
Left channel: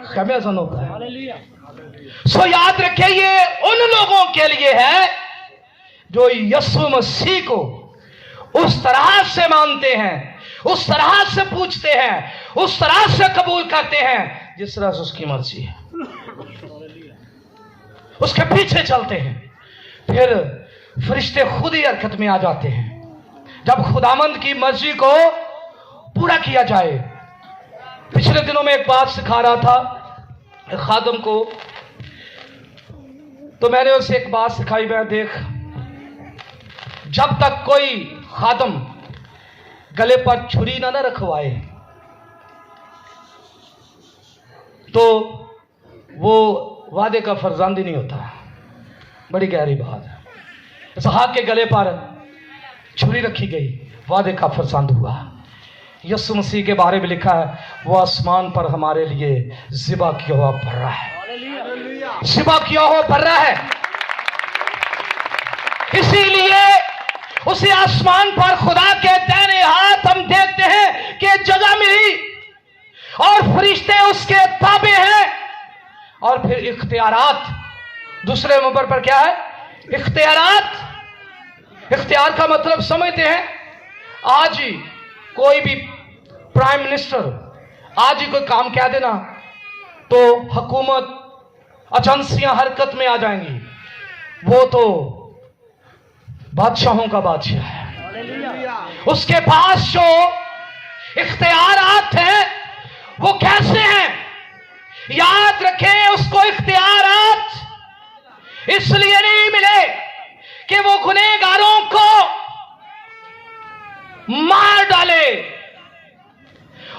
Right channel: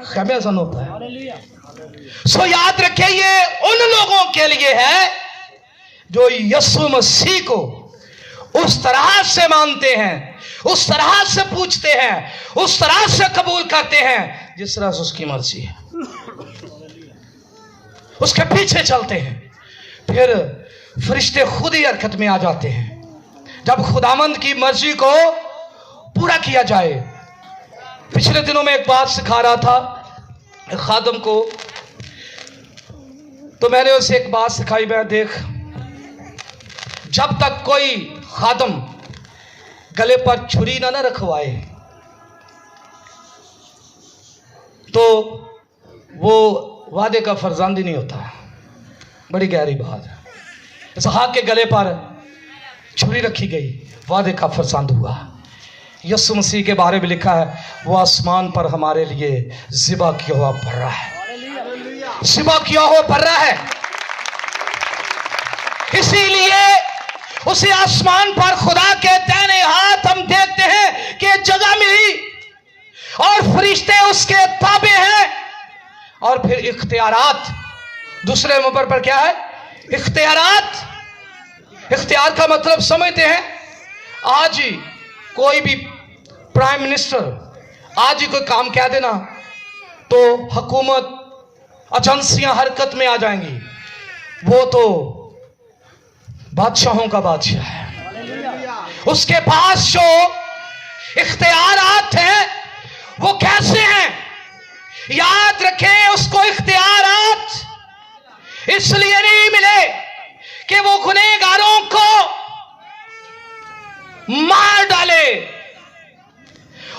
خمیازن ہوتا ہے. سو یاد رکھیں، یہ ان لوگوں کے لیے ہے جو یسوع مسیح کو اس طرح سے مانتے ہیں، اس طرح سے پوچھتے ہیں، اس طرح سے قبول کرتے ہیں جس طرح سے اس کی مرضی ہے، اس کے پیچھے چلتے ہیں. پھر فرشتے خود ہی حرکت میں آ جاتے ہیں جب خداوند کی مرضی کو پورا کیا جائے. پچھلے دنوں میں ایک بات سکھا رہا تھا ایک خادم کو، تو میں نے اسے ایک بات سکھائی، میں دیکھ जब तक कोई खादम गले पर छुरी ना रखवाए तो वो वादे का फर्जंद ही नहीं होता। बड़ी गहरी बात है। इसहाक के गले पर छुरी रखी गई, वादे का फर्जंद हुआ। यीशु मसीह के बारे में लिखा है वो आसमान पर हमारे लिए ज़िबा किया हुआ बर्रा है, ज़िबा किया हुआ बर्रा है। इसीलिए उसी आसमान पर खुदा के दाहिने हाथ हम देखते हैं कि जगह मिली और फरिश्ते उसके ताबे हैं। और फिर इख्तियारात, दूसरे नंबर पर क्या है? इख्तियारात। इख्तियार का मतलब समझते हैं? आज ही कोई भी प्राइम मिनिस्टर आज ही कोई काम कह देना तो हुकूमत एजेंसियां हरकत में आ जाएंगी। वो तो बादशाहों का बादशाह है। उसके पास जो इख्तियारात हैं वो कैसे हैं? याद रखें, उसको इख्तियारात इसलिए नहीं मिले कि वो गुनहगारों को मार डाले।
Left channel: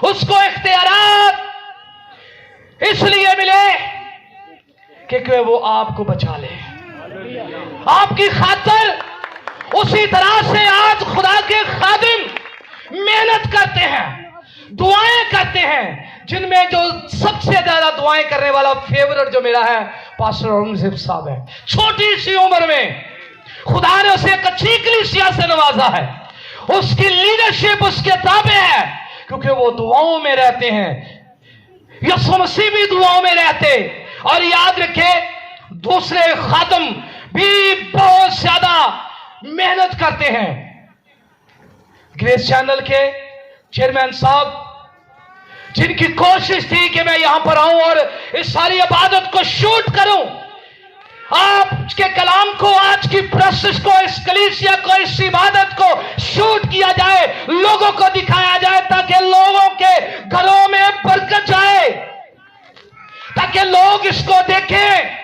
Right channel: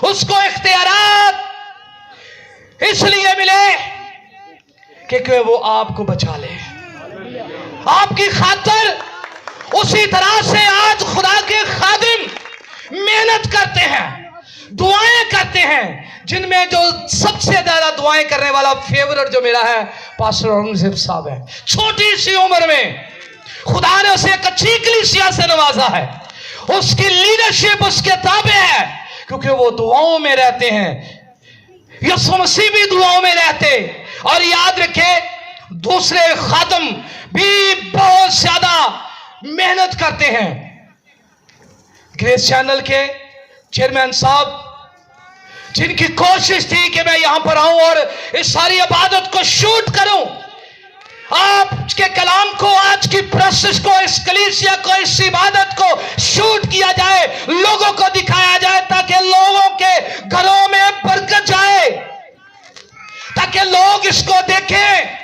उसको इख्तियारात इसलिए मिले कि वो आपको बचा ले, आपकी खातिर। उसी तरह से आज खुदा के खादिम मेहनत करते हैं, दुआएं करते हैं, जिनमें जो सबसे ज्यादा दुआएं करने वाला फेवरेट जो मेरा है पास्टर औरंगजेब साहब है। छोटी सी उम्र में खुदा ने उसे एक अच्छी कलीसिया से नवाजा है। उसकी लीडरशिप उसके ताबे है क्योंकि वो दुआओं में रहते हैं। यीशु मसीह भी दुआओं में रहते। और याद रखे, दूसरे खादम भी बहुत ज्यादा मेहनत करते हैं। ग्रेस चैनल के चेयरमैन साहब, जिनकी कोशिश थी कि मैं यहां पर आऊं और इस सारी इबादत को शूट करूं, आपके कलाम को, आज की प्रोसेस को, इस कलीसिया को, इस इबादत को शूट किया जाए, लोगों को दिखाया जाए ताकि लोगों के घरों में बरकत जाए, ताकि लोग इसको देखें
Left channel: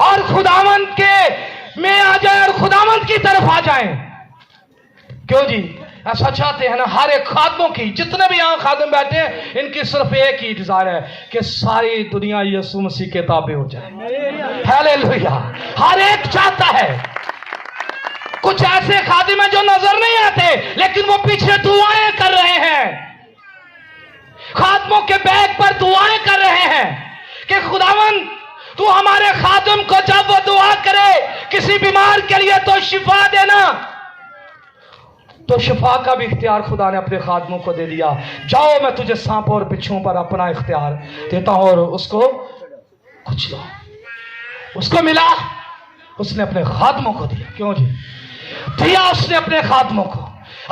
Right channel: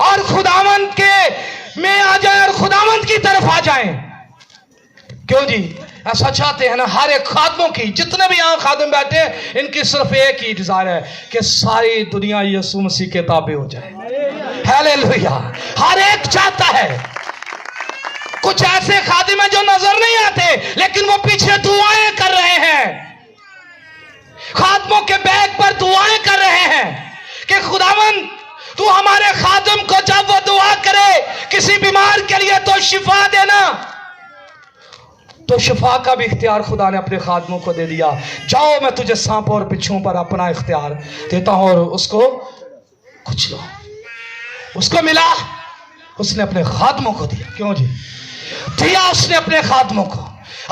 और खुदावंद के में आ जाए और खुदावंद की तरफ आ जाए। क्यों जी? ऐसा चाहते हैं ना हर एक खादमों की, जितने भी यहां खादम बैठे हैं, इनकी सिर्फ एक ही डिजायर है कि सारी दुनिया यीशु मसीह के ताबे हो जाए। हालेलुया। हर एक चाहता है। कुछ ऐसे खादिम हैं जो नजर नहीं आते लेकिन वो पीछे दुआएं कर रहे हैं, खादमों के बैग पर दुआएं कर रहे हैं कि खुदावंद तू हमारे खादम को जब वो दुआ करे किसी बीमार के लिए तो शिफा देना। तो शिफा का भी इख्तियार खुदा ने अपने खादमों को दे दिया। जाओ, मैं तुझे सांप और बिच्छुओं पर अपना इख्तियार देता हूं। और उसको कुछ लो, उसको मिला, उसने अपने खादमों को दिया। क्यों जी? दिया उसने अपने खादमों को।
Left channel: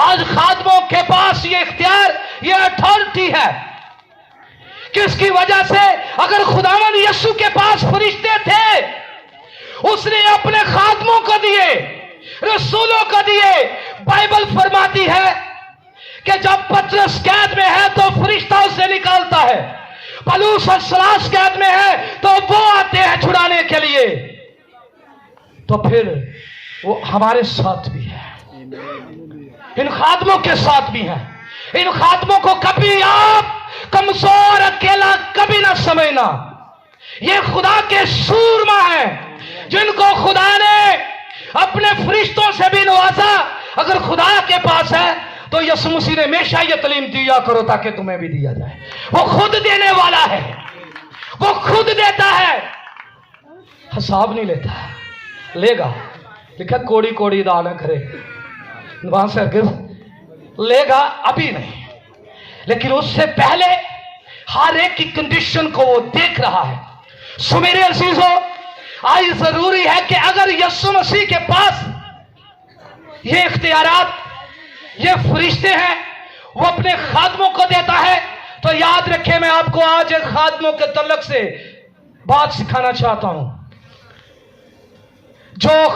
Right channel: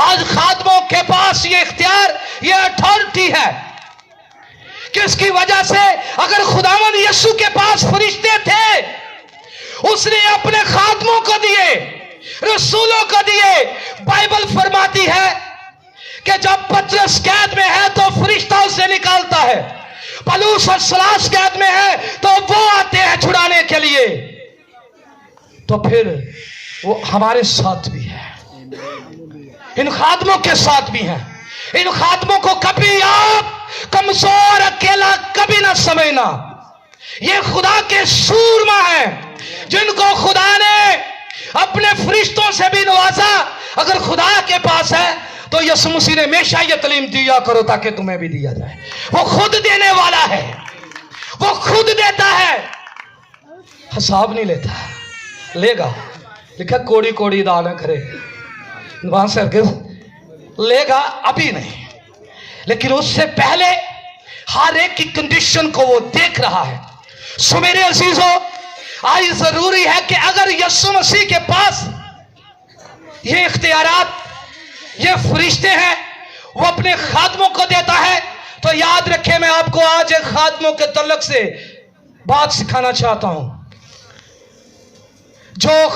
आज खादमों के पास ये इख्तियार, ये अथॉरिटी है कि उसकी वजह से अगर खुदावन यीशु के पास फरिश्ते थे, उसने अपने खादमों को दिए, रसूलों को दिए। बाइबल फरमाती है कि जब पतरस कैद में है तो फरिश्ता उसे निकालता है, पलूस और सलास कैद में है तो वो आते हैं छुड़ाने के लिए। तो फिर वो हमारे साथ भी है, इन खादमों के साथ भी है। इन खादमों को कभी आप कमजोर अकेला कभी ना समझना। ये खुदा के सूरमा है जिनको खुदा ने अपने फरिश्तों से भी नवाजा। अगर खुदा के पास है तो यीशु मसीह ने हमेशा ये तालीम दिया करो ताकि तुम्हें भी दिया जाए। वो खुद देने वाला है, वो खुद देता है, हिसाब नहीं लेता। लेगा, लिखा कोड़ी कोड़ी दान करे, वहां से लेगा, अभी नहीं, लेकिन उससे पहले हर एक की कंडीशन को वो देख रहा है। सो मेरे अजीजों, आज जरूरी है कि अगर यीशु मसीह के पास ये इख्तियारात, ये फरिश्ते हैं, वो अपने खादमों को देता है, तो याद रखें, मैं आपको आज एक खादमों के तल्लक से बात सिखाना चाहता हूं। जो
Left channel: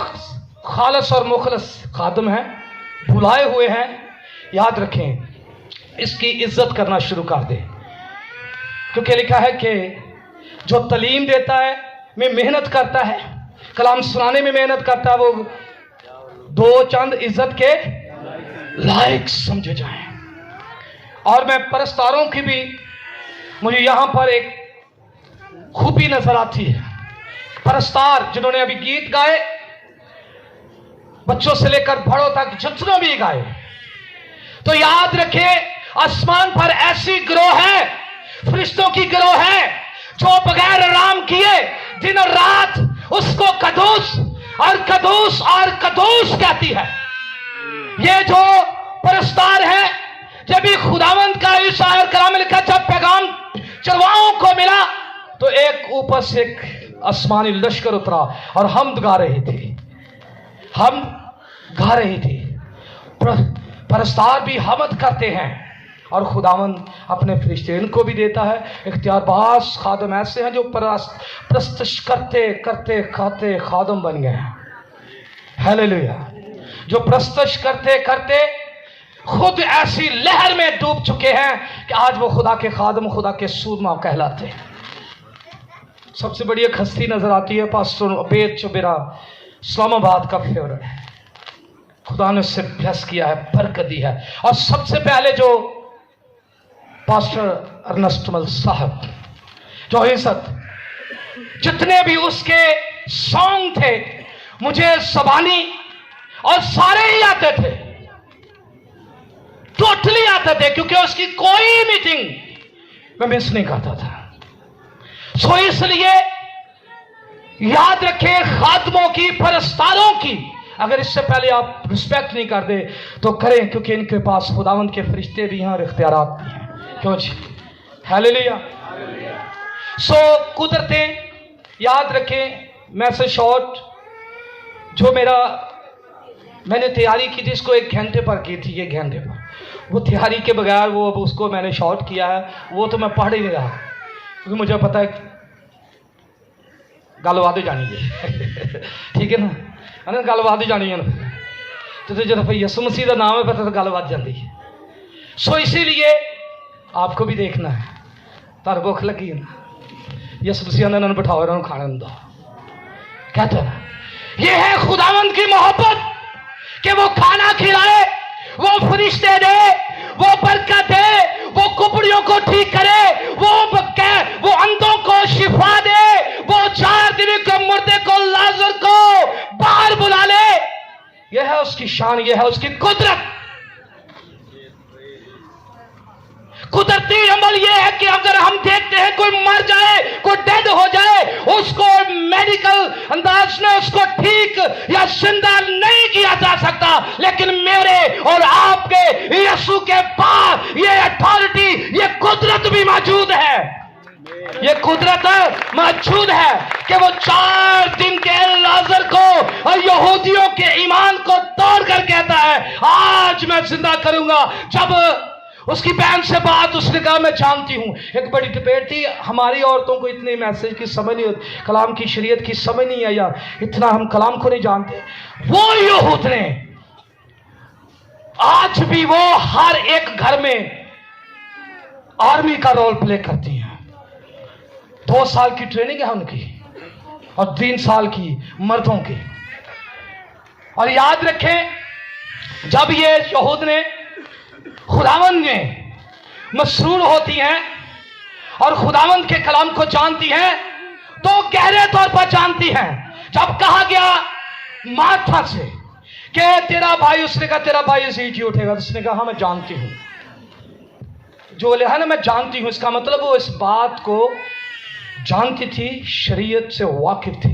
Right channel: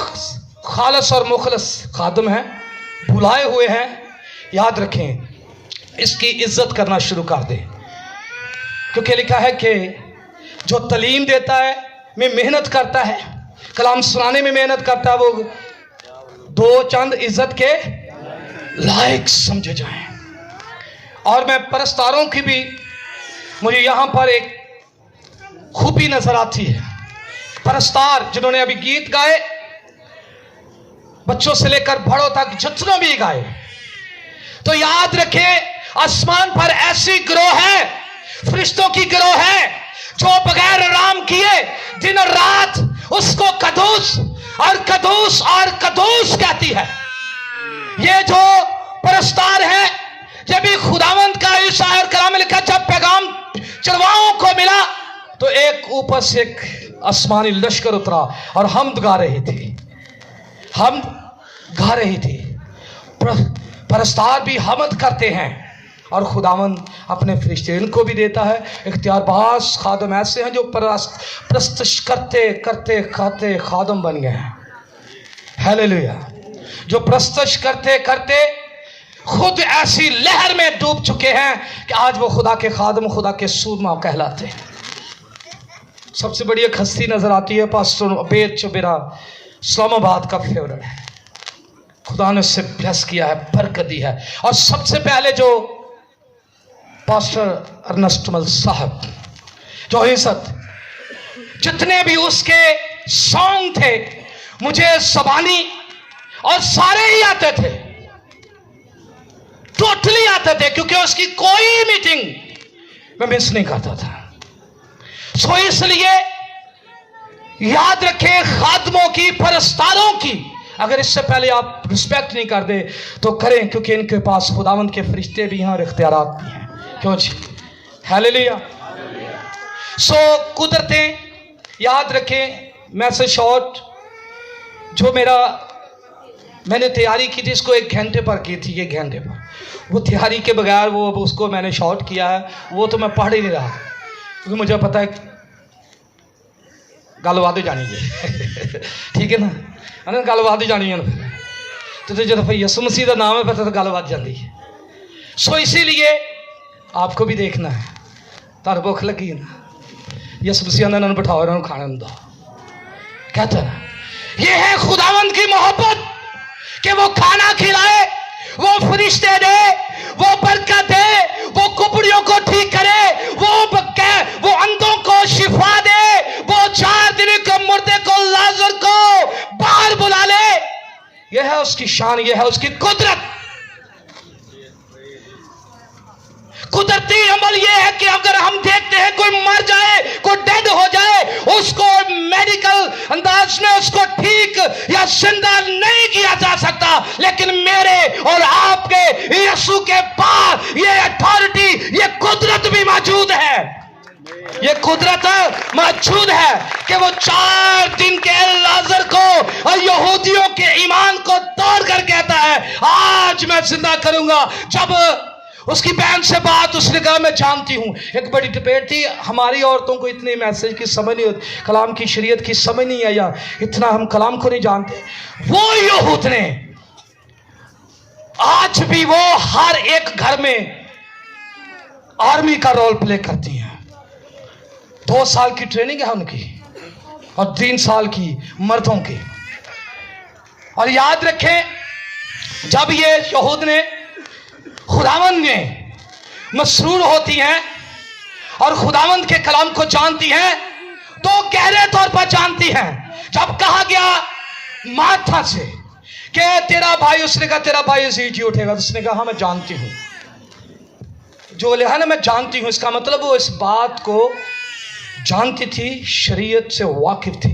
खालस और मुखलस खादम हैं, बुलाए हुए हैं, याद रखें, इसकी इज्जत करना शुरू कर दें। क्योंकि लिखा है कि जो तालीम देता है, में मेहनत करता है, कलाम सुनाने में मेहनत करता है, वो दो चंद इज्जत के लायक समझे जाएं। और मैं परस्तारों की भी मुझे यहां पर एक खूबी नजर आती है। परस्तार जिन्होंने अभी गीत गाए, बच्चों से लेकर बड़ों तक जितना भी गाए, तो याद रखें आसमान पर ऐसी गिरोह है, फरिश्तों की गिरोह है, जो बगैर आराम किए दिन और रात उसको कदूस और कदूस और कदूस कहती है। ये जो परस्तार है, जब भी खुदावंद का इस शायर कलाम में लिखा, जब पैगाम चरवाहों को मिला तो एक ऊपर से एक आसमानी लश्कर उतरा और हमद गा रही थी, हम गा रही थी। परस्तार भी हमद करते हैं और खुदावंद अपने फरिश्ते इनको भी देता है। इख्तियारबाज खादम ऐसे हैं जो प्रस्तश करते करते खाते खादम बन गए हैं। हालेलुया। जो प्रस्तश करते करते खुद ऐसी लहर में डूब चुके हैं कि आज वो खुदा के खादम, खुदा के सूरमा कहलाते हैं। सबसे बड़ी एक हस्ती नजर आती है पास्टर अबेद, जो मेरा इस्लामाबाद का फेवरेट है। खुदा ने उससे ब्लेस किया है, बरकत दी है। और सबसे पहले जो पास्टर अर्नस्टमल साहब, जो इज्जत, जितने भी उसके सॉन्ग थे मुझे ज़बानी और सारे ही आते थे, टोटली आते थे, क्योंकि उसकी कोई मीटिंग मैं मिस नहीं करता था। सो इसलिए याद रखें, खादमों की, परस्तारों की अगर इससे पहले आप रिस्पेक्ट नहीं कर दे तो करें, क्योंकि इनके पास खुदावंद के फरिश्ते भी हैं और इख्तियारात भी हैं। क्यों जी? हालेलुया। सो कुदरतें याद रखें। मैसेज शॉर्ट जो मैंने तैयारी की थी, इसको 1 घंटे पर की थी, 1 घंटे पर। वो तैयारी के बगैर वो उसको मैंने शॉर्ट किया है, वो तो मैं पढ़ ही नहीं रहा, क्योंकि मुझे पता है गलबात जानी है। ठीक है ना, गलबात जानी है ना, तो जब यसु मसीह का नाम है पता तो गलबात जाती है। सो इसीलिए आपको भी देखना है, तार भुख लगी है ना, यसु मसीह ने इन्होंने बिठाओ, इन्होंने खाने दो। कहते हैं ये है खुदावंद की मोहब्बत कि वो खाना खिलाए, वो फरिश्ते दे, वो बरकत दे, वो कुपड़ियों को ठीक करे, वो अंधों को शिफा दे, वो 4 दिन के मुर्दे को, लाजर को बाहर बुला ले। यह है उसकी शान, यह है उसकी कुदरत। कुदरती अमल यह है कि अगर हम देखते हैं कोई मर जाए, कोई डेड हो जाए, उसको मेडिकल अंदाज में उसको ठीक या जिंदा नहीं किया जा सकता, लेकिन मेरे और आपके यीशु के पास ये अथॉरिटी, ये कुदरत भी मौजूद है। ये कुदरत मौजूद है कि वो 4 दिन के लाजर को और यहूदियों के ईमान को तोड़ कर कहता है आज मैं जिंदा करूंगा। जब उसकी बहन से बात, उसने कहा मैं जानती हूँ। एक बड़ी डिबेट थी, हमारी औरतों को इतने मैसेज की समझ नहीं होती, कलाम की शरीयत की समझ नहीं आई, इतना हम कलाम को नहीं जानते। वो यहूद ने आज भी वो हर एक घर में आर्मी का रोल प्ले करती हैं। 2 साल की ट्रेनिंग है उनकी और 3 साल की मर्दों की। और याद रखें जब ये यहूद ने खुदावंद में मसरूर होती हैं और खुदावंद के कलाम को जानती हैं, तो गहरे तौर पर जानती हैं। जब कहा गया मार्था से कि तेरा भाई, उसने कहा तेरा भाई जी उठेगा, उसने कहा हाँ मैं जानती हूं। जो लिखा ना मैं जानती हूं, इसका मतलब वो इस बात को जानती थी, शरीयत से वाकिफ थी।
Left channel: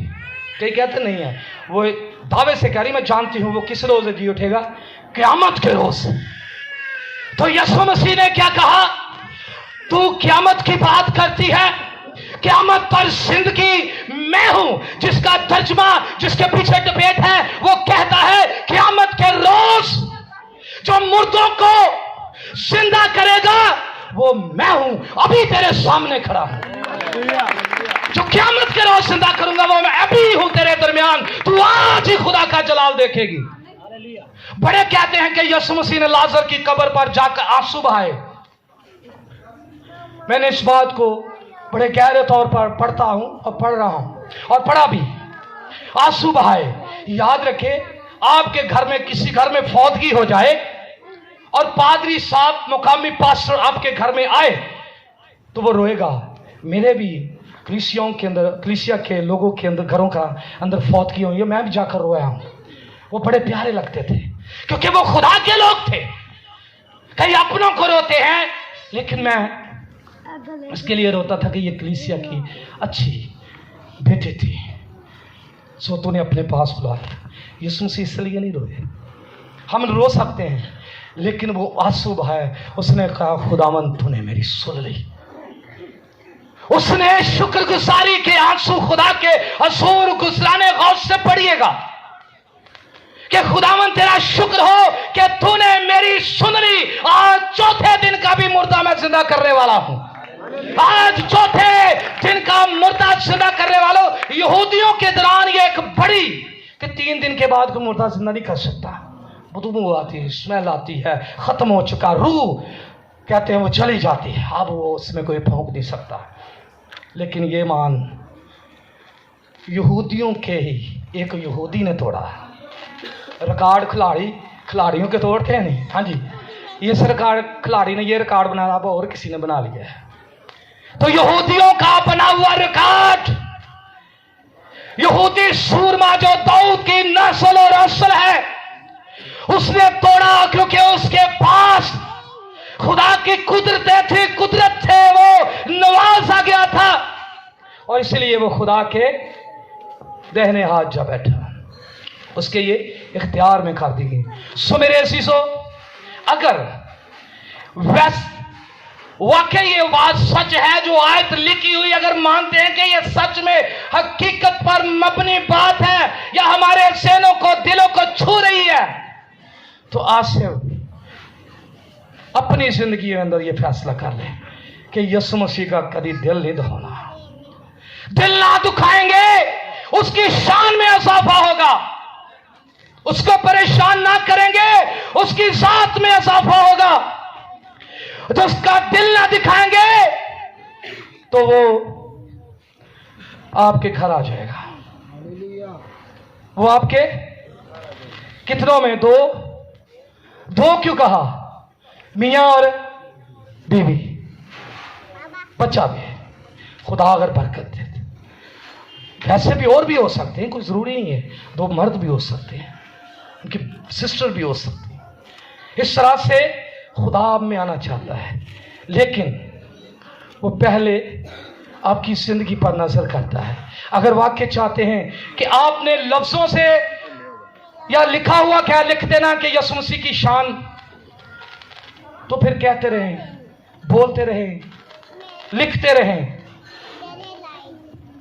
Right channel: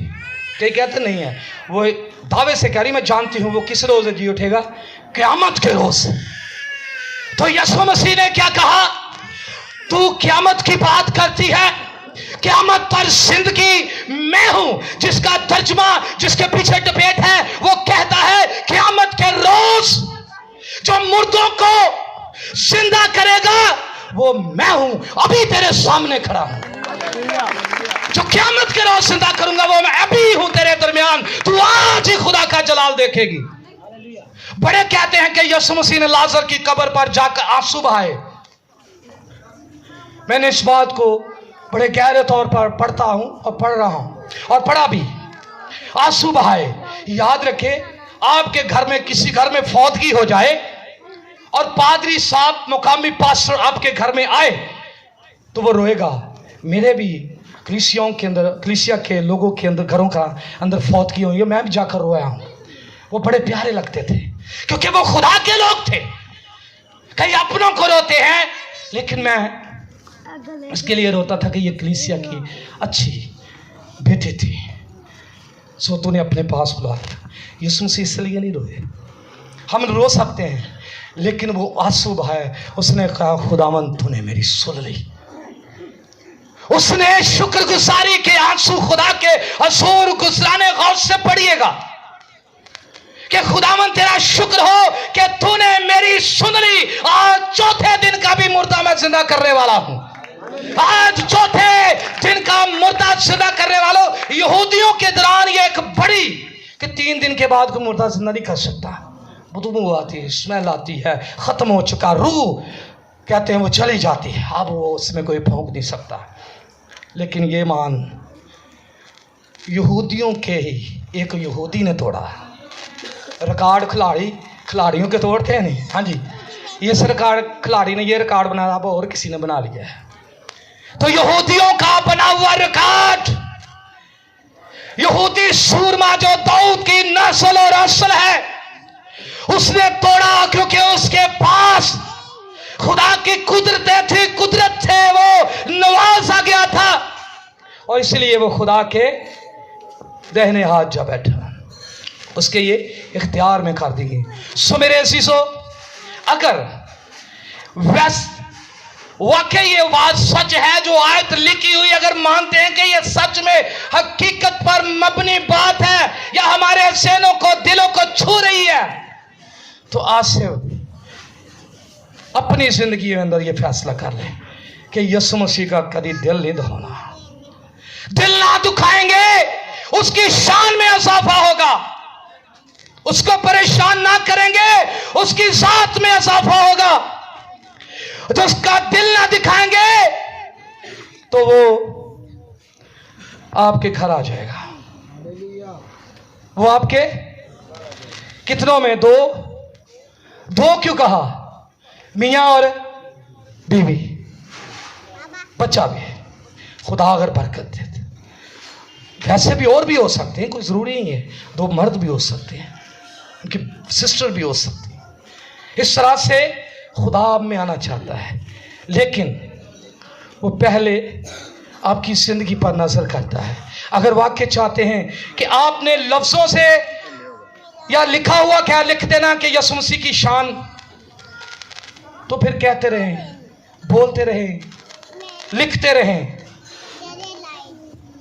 ये कहते नहीं है, वो दावे से कह रही मैं जानती हूं वो किस रोज जी उठेगा, क़यामत के रोज। तो यीशु मसीह ने क्या कहा, तू क़यामत की बात करती है, क़यामत पर जिंदगी मैं हूं। जिसका तर्जुमा, जिसके पीछे डिबेट है, वो कहता है क़यामत के रोज जो मुर्दों को जिंदा करेगा वो मैं हूं, अभी तेरे सामने खड़ा हूं। जो क़यामत के रोज जिंदा करूंगा वो मैं अभी हूं तेरे दरमियान, तू आज ही खुदा का जलाल देखेगी। बड़े कहते हैं कि यीशु मसीह ने लाजर की कब्र पर जाकर आंसू बहाए। मैंने इस बात को बड़े गहरे तौर पर पढ़ता हूं और पढ़ रहा हूं और पढ़ा भी। आंसू बहाए, याद रखे आपके घर में किसी घर में फौतगी हो जाए और पादरी साहब मुकामी पास्टर आपके घर में आए तो वो रोएगा। मेरे भी कलीसियाओं के अंदर, कलीसिया के लोगों के अंदर, घरों का अंदर फौतगी हुई है, मैं भी जाकर रोया हूं। वो बड़े प्यारे लगते थे क्योंकि वो खुदा के लोग थे। कई अपनों को रोते हैं, लेकिन मैं इसके लिए रोता था कि ये कलीसिया की अच्छी बेटी थी, सो तूने अपने पास बुलाया। यीशु मसीह इसलिए नहीं रोए। हम रो सकते हैं, लेकिन वो आंसू बहाए। उसने कहा खुदावन तूने मेरी सुन ली। उसने शुक्रगुजारी के आंसू खुदा के असूर गुजराने गौर से पढ़िएगा कि खुदावन तेरा शुक्र हो कि तूने मेरी सुन ली। आज चौथे दिन का भी मुर्दा मैं जिंदा करने वाला हूं। आज चौथे दिन का मुर्दा जिंदा करने वालों, यहूदियों के दौरान ये एक बड़ी कि 3 दिन के बाद कोई मुर्दा जिंदा नहीं कर सकता। बदबू आती है, स्मेल आती है, खत्म हो चुका, रूह कहते हैं वो चली जाती है, अब वो उसमें कोई फूंक नहीं सकता। लेकिन ये मान यहूदियों के ही एक यहूदी ने तोड़ा। रिकॉर्ड खिलाड़ियों के तोड़ते हैं नहीं, हाँ जी, ये सरकार खिलाड़ी ने ये रिकॉर्ड बनाया, अब और किसी ने बना लिया है। तो यहूदियों का बना हुआ रिकॉर्ड, यहूदी सूरमा जो दाऊद की नस्ल और असल है, उसने तोड़ा क्योंकि उसके पास खुदा की कुदरतें थी, कुदरत थे, वो नवाजा गया था और इसलिए वो खुदा के दाहिने हाथ जा बैठा, उसके ये इख्तियार में कर दी गई। सो मेरे अजीजों, अगर वाकई ये बात सच है जो आयत लिखी हुई, अगर मानते हैं कि ये सच में हकीकत पर मबनी बात है या हमारे ज़हनों को, दिलों को छू रही है, तो आज से अपनी जिंदगी के अंदर ये फैसला कर ले कि यीशु मसीह का कभी दिल नहीं दबाना, दिल ना दुखाएंगे, उसकी शान में इजाफा होगा, उसको परेशान ना करेंगे, उसकी जात में इजाफा होगा। जो उसका दिल ना दिखाएंगे तो वो आपके घर आ जाएगा। वो आपके कितनों में? दो क्यों कहा? मियां और बीवी, बच्चा भी। खुदा अगर बरकत देते, वैसे भी और भी हो सकते हैं, कोई जरूरी नहीं है, 2 मर्द भी हो सकते हैं, उनकी सिस्टर भी हो सकती है। इस तरह से खुदा आप में आना चाहता है, लेकिन वो पहले आपकी जिंदगी पर नजर करता है। अगर वाक्य चाहते हैं कि आपने लफ्जों से या लिखा हुआ क्या लिख देना कि यीशु मसीह की शान, तो फिर कहते रहें, बोलते रहें, लिखते रहें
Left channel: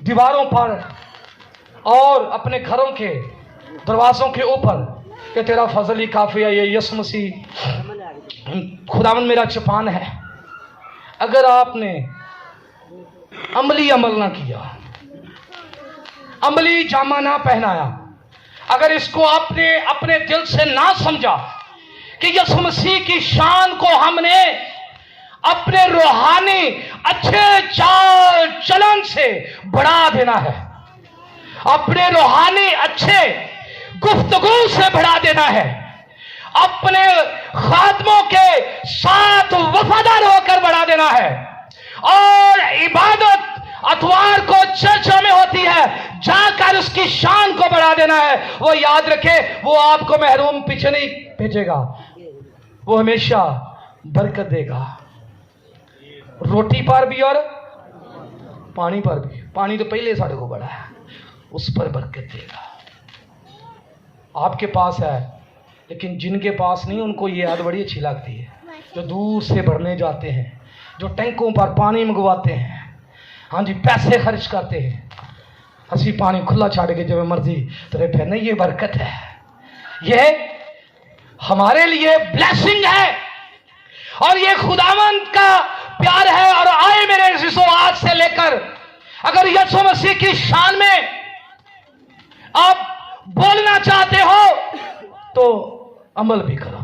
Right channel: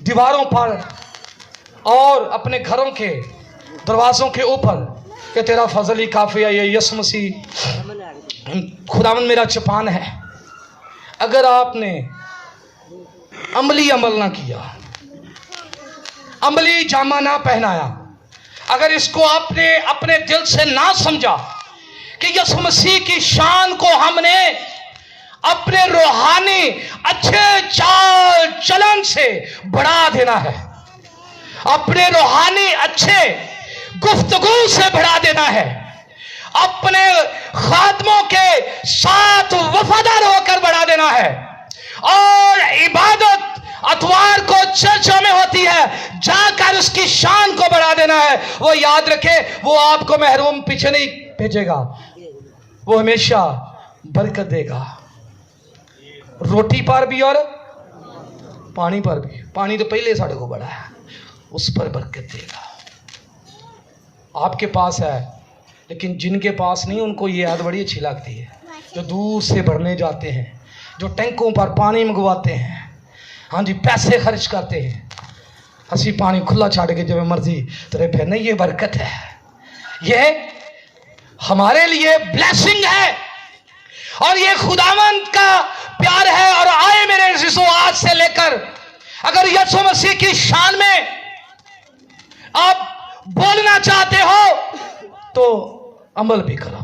दीवारों पर और अपने घरों के दरवाजों के ऊपर कि तेरा फजल ही काफी है, ये यीशु मसीह खुदावन मेरा चपान है। अगर आपने अमली अमल ना किया, अमली जामा ना पहनाया, अगर इसको आपने अपने दिल से ना समझा कि यीशु मसीह की शान को हमने अपने रूहानी अच्छे चाल चलन से बढ़ा देना है, अपने रूहानी अच्छे गुफ्तगू से बढ़ा देना है, अपने खादमों के साथ वफादार होकर बढ़ा देना है। और इबादत अतवार को चर्चा में होती है, जाकर उसकी शान को बढ़ा देना है। वो याद रखे, वो आपको महरूम पीछे नहीं भेजेगा, वो हमेशा बरकत देगा, रोटी पर भी और पानी पर भी। पानी तो पहले साढ़े को बड़ा है, उस पर बरकत देगा। आपके पास है, लेकिन जिनके पास नहीं, उनको ये याद बड़ी अच्छी लगती है, जो दूर से भरने जाते हैं, जो टैंकों पर पानी मंगवाते हैं, हाँ जी, पैसे खर्च करते हैं, हंसी पानी खुला छाड़ के जब मर्जी तेरे पे। नहीं, ये बरकत है, ये हमारे लिए ब्लेसिंग है और ये खुदावंद का प्यार है। और आए मेरे अज़ीज़ों, आज से लेकर अगर यीशु मसीह की शान में आप बोलना चाहते हो तो अमल भी करो,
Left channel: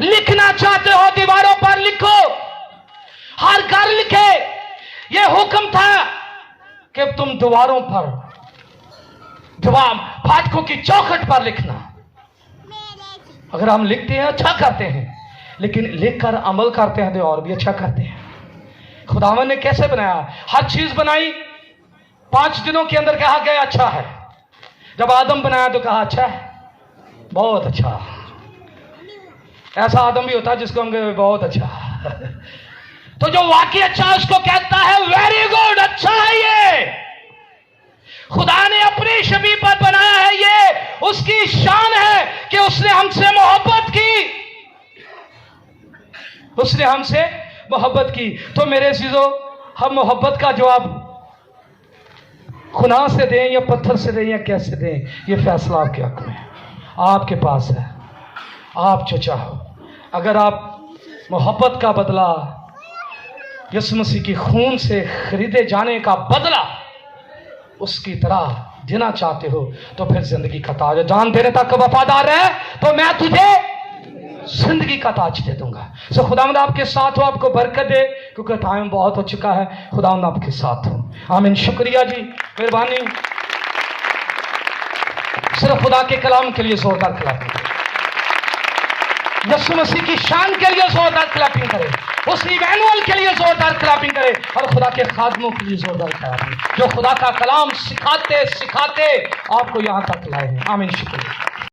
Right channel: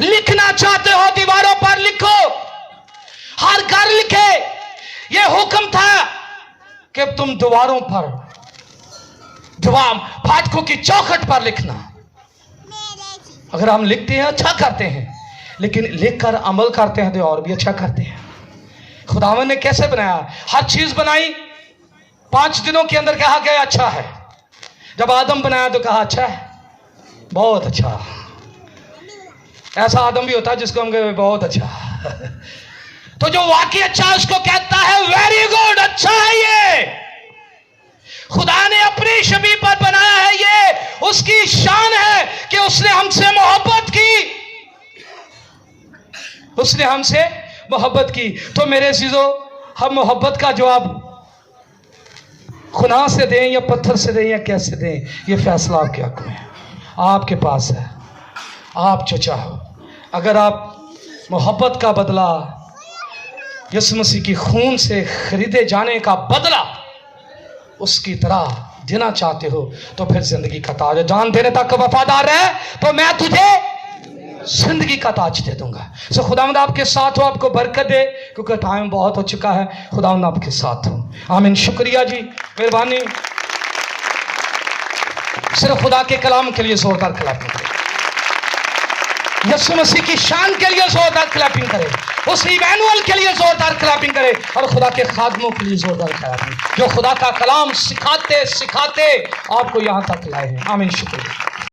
लिखना चाहते हो दीवारों पर लिखो, हर घर लिखे। यह हुक्म था कि तुम दीवारों पर, फाटकों बैठकों की चौखट पर लिखना। अगर हम लिखते हैं अच्छा करते हैं, लेकिन लिखकर अमल करते हैं तो और भी अच्छा करते हैं। खुदावन ने कैसे बनाया? हर चीज बनाई, 5 दिनों के अंदर कहा गया अच्छा है। जब आदम बनाया तो कहा अच्छा है, बहुत अच्छा। ऐसा आदम भी होता है जिसको हम कहें बहुत अच्छा। तो जो वाकई अच्छा है उसको कहता है वेरी गुड, अच्छा है ये। खुदा ने अपनी शबीह पर बनाया है, ये उसकी शान है कि उसने हमसे मोहब्बत की, उसने हमसे मोहब्बत की। तो मेरे चीजों, हम मोहब्बत का जवाब खुदा से दें या पत्थर से दें या कैसे दें, ये फैसला आपके हक में है, आपके पास है। आप जो चाहो, अगर आप मोहब्बत का बदला यीशु मसीह की खून से खरीदे जाने का बदला उसकी तरह देना चाहते हो, तो फिर जिंदगी का ताज, जान देने तक वफादार है तो मैं तुझे जिंदगी का ताज दे दूंगा। सो खुदावंद आपके साथ हो, आपको बरकत दे, क्योंकि टाइम बहुत हो चुका है। खुदावंद आपके साथ हो। आमीन। शुक्रिया जी, मेहरबानी। सिर्फ खुदा के कलाम के लिए जोरदार क्लैपिंग करें, यीशु मसीह की शान के लिए जोरदार क्लैपिंग करें, उस इमैनुअल के लिए जोरदार क्लैपिंग करें, और खुदा के खादमों के लिए जोरदार क्लैपिंग, जो खुदा का कलाम सिखाते सिखाते आपको यहां तक लाए हैं। आमीन। शुक्रिया।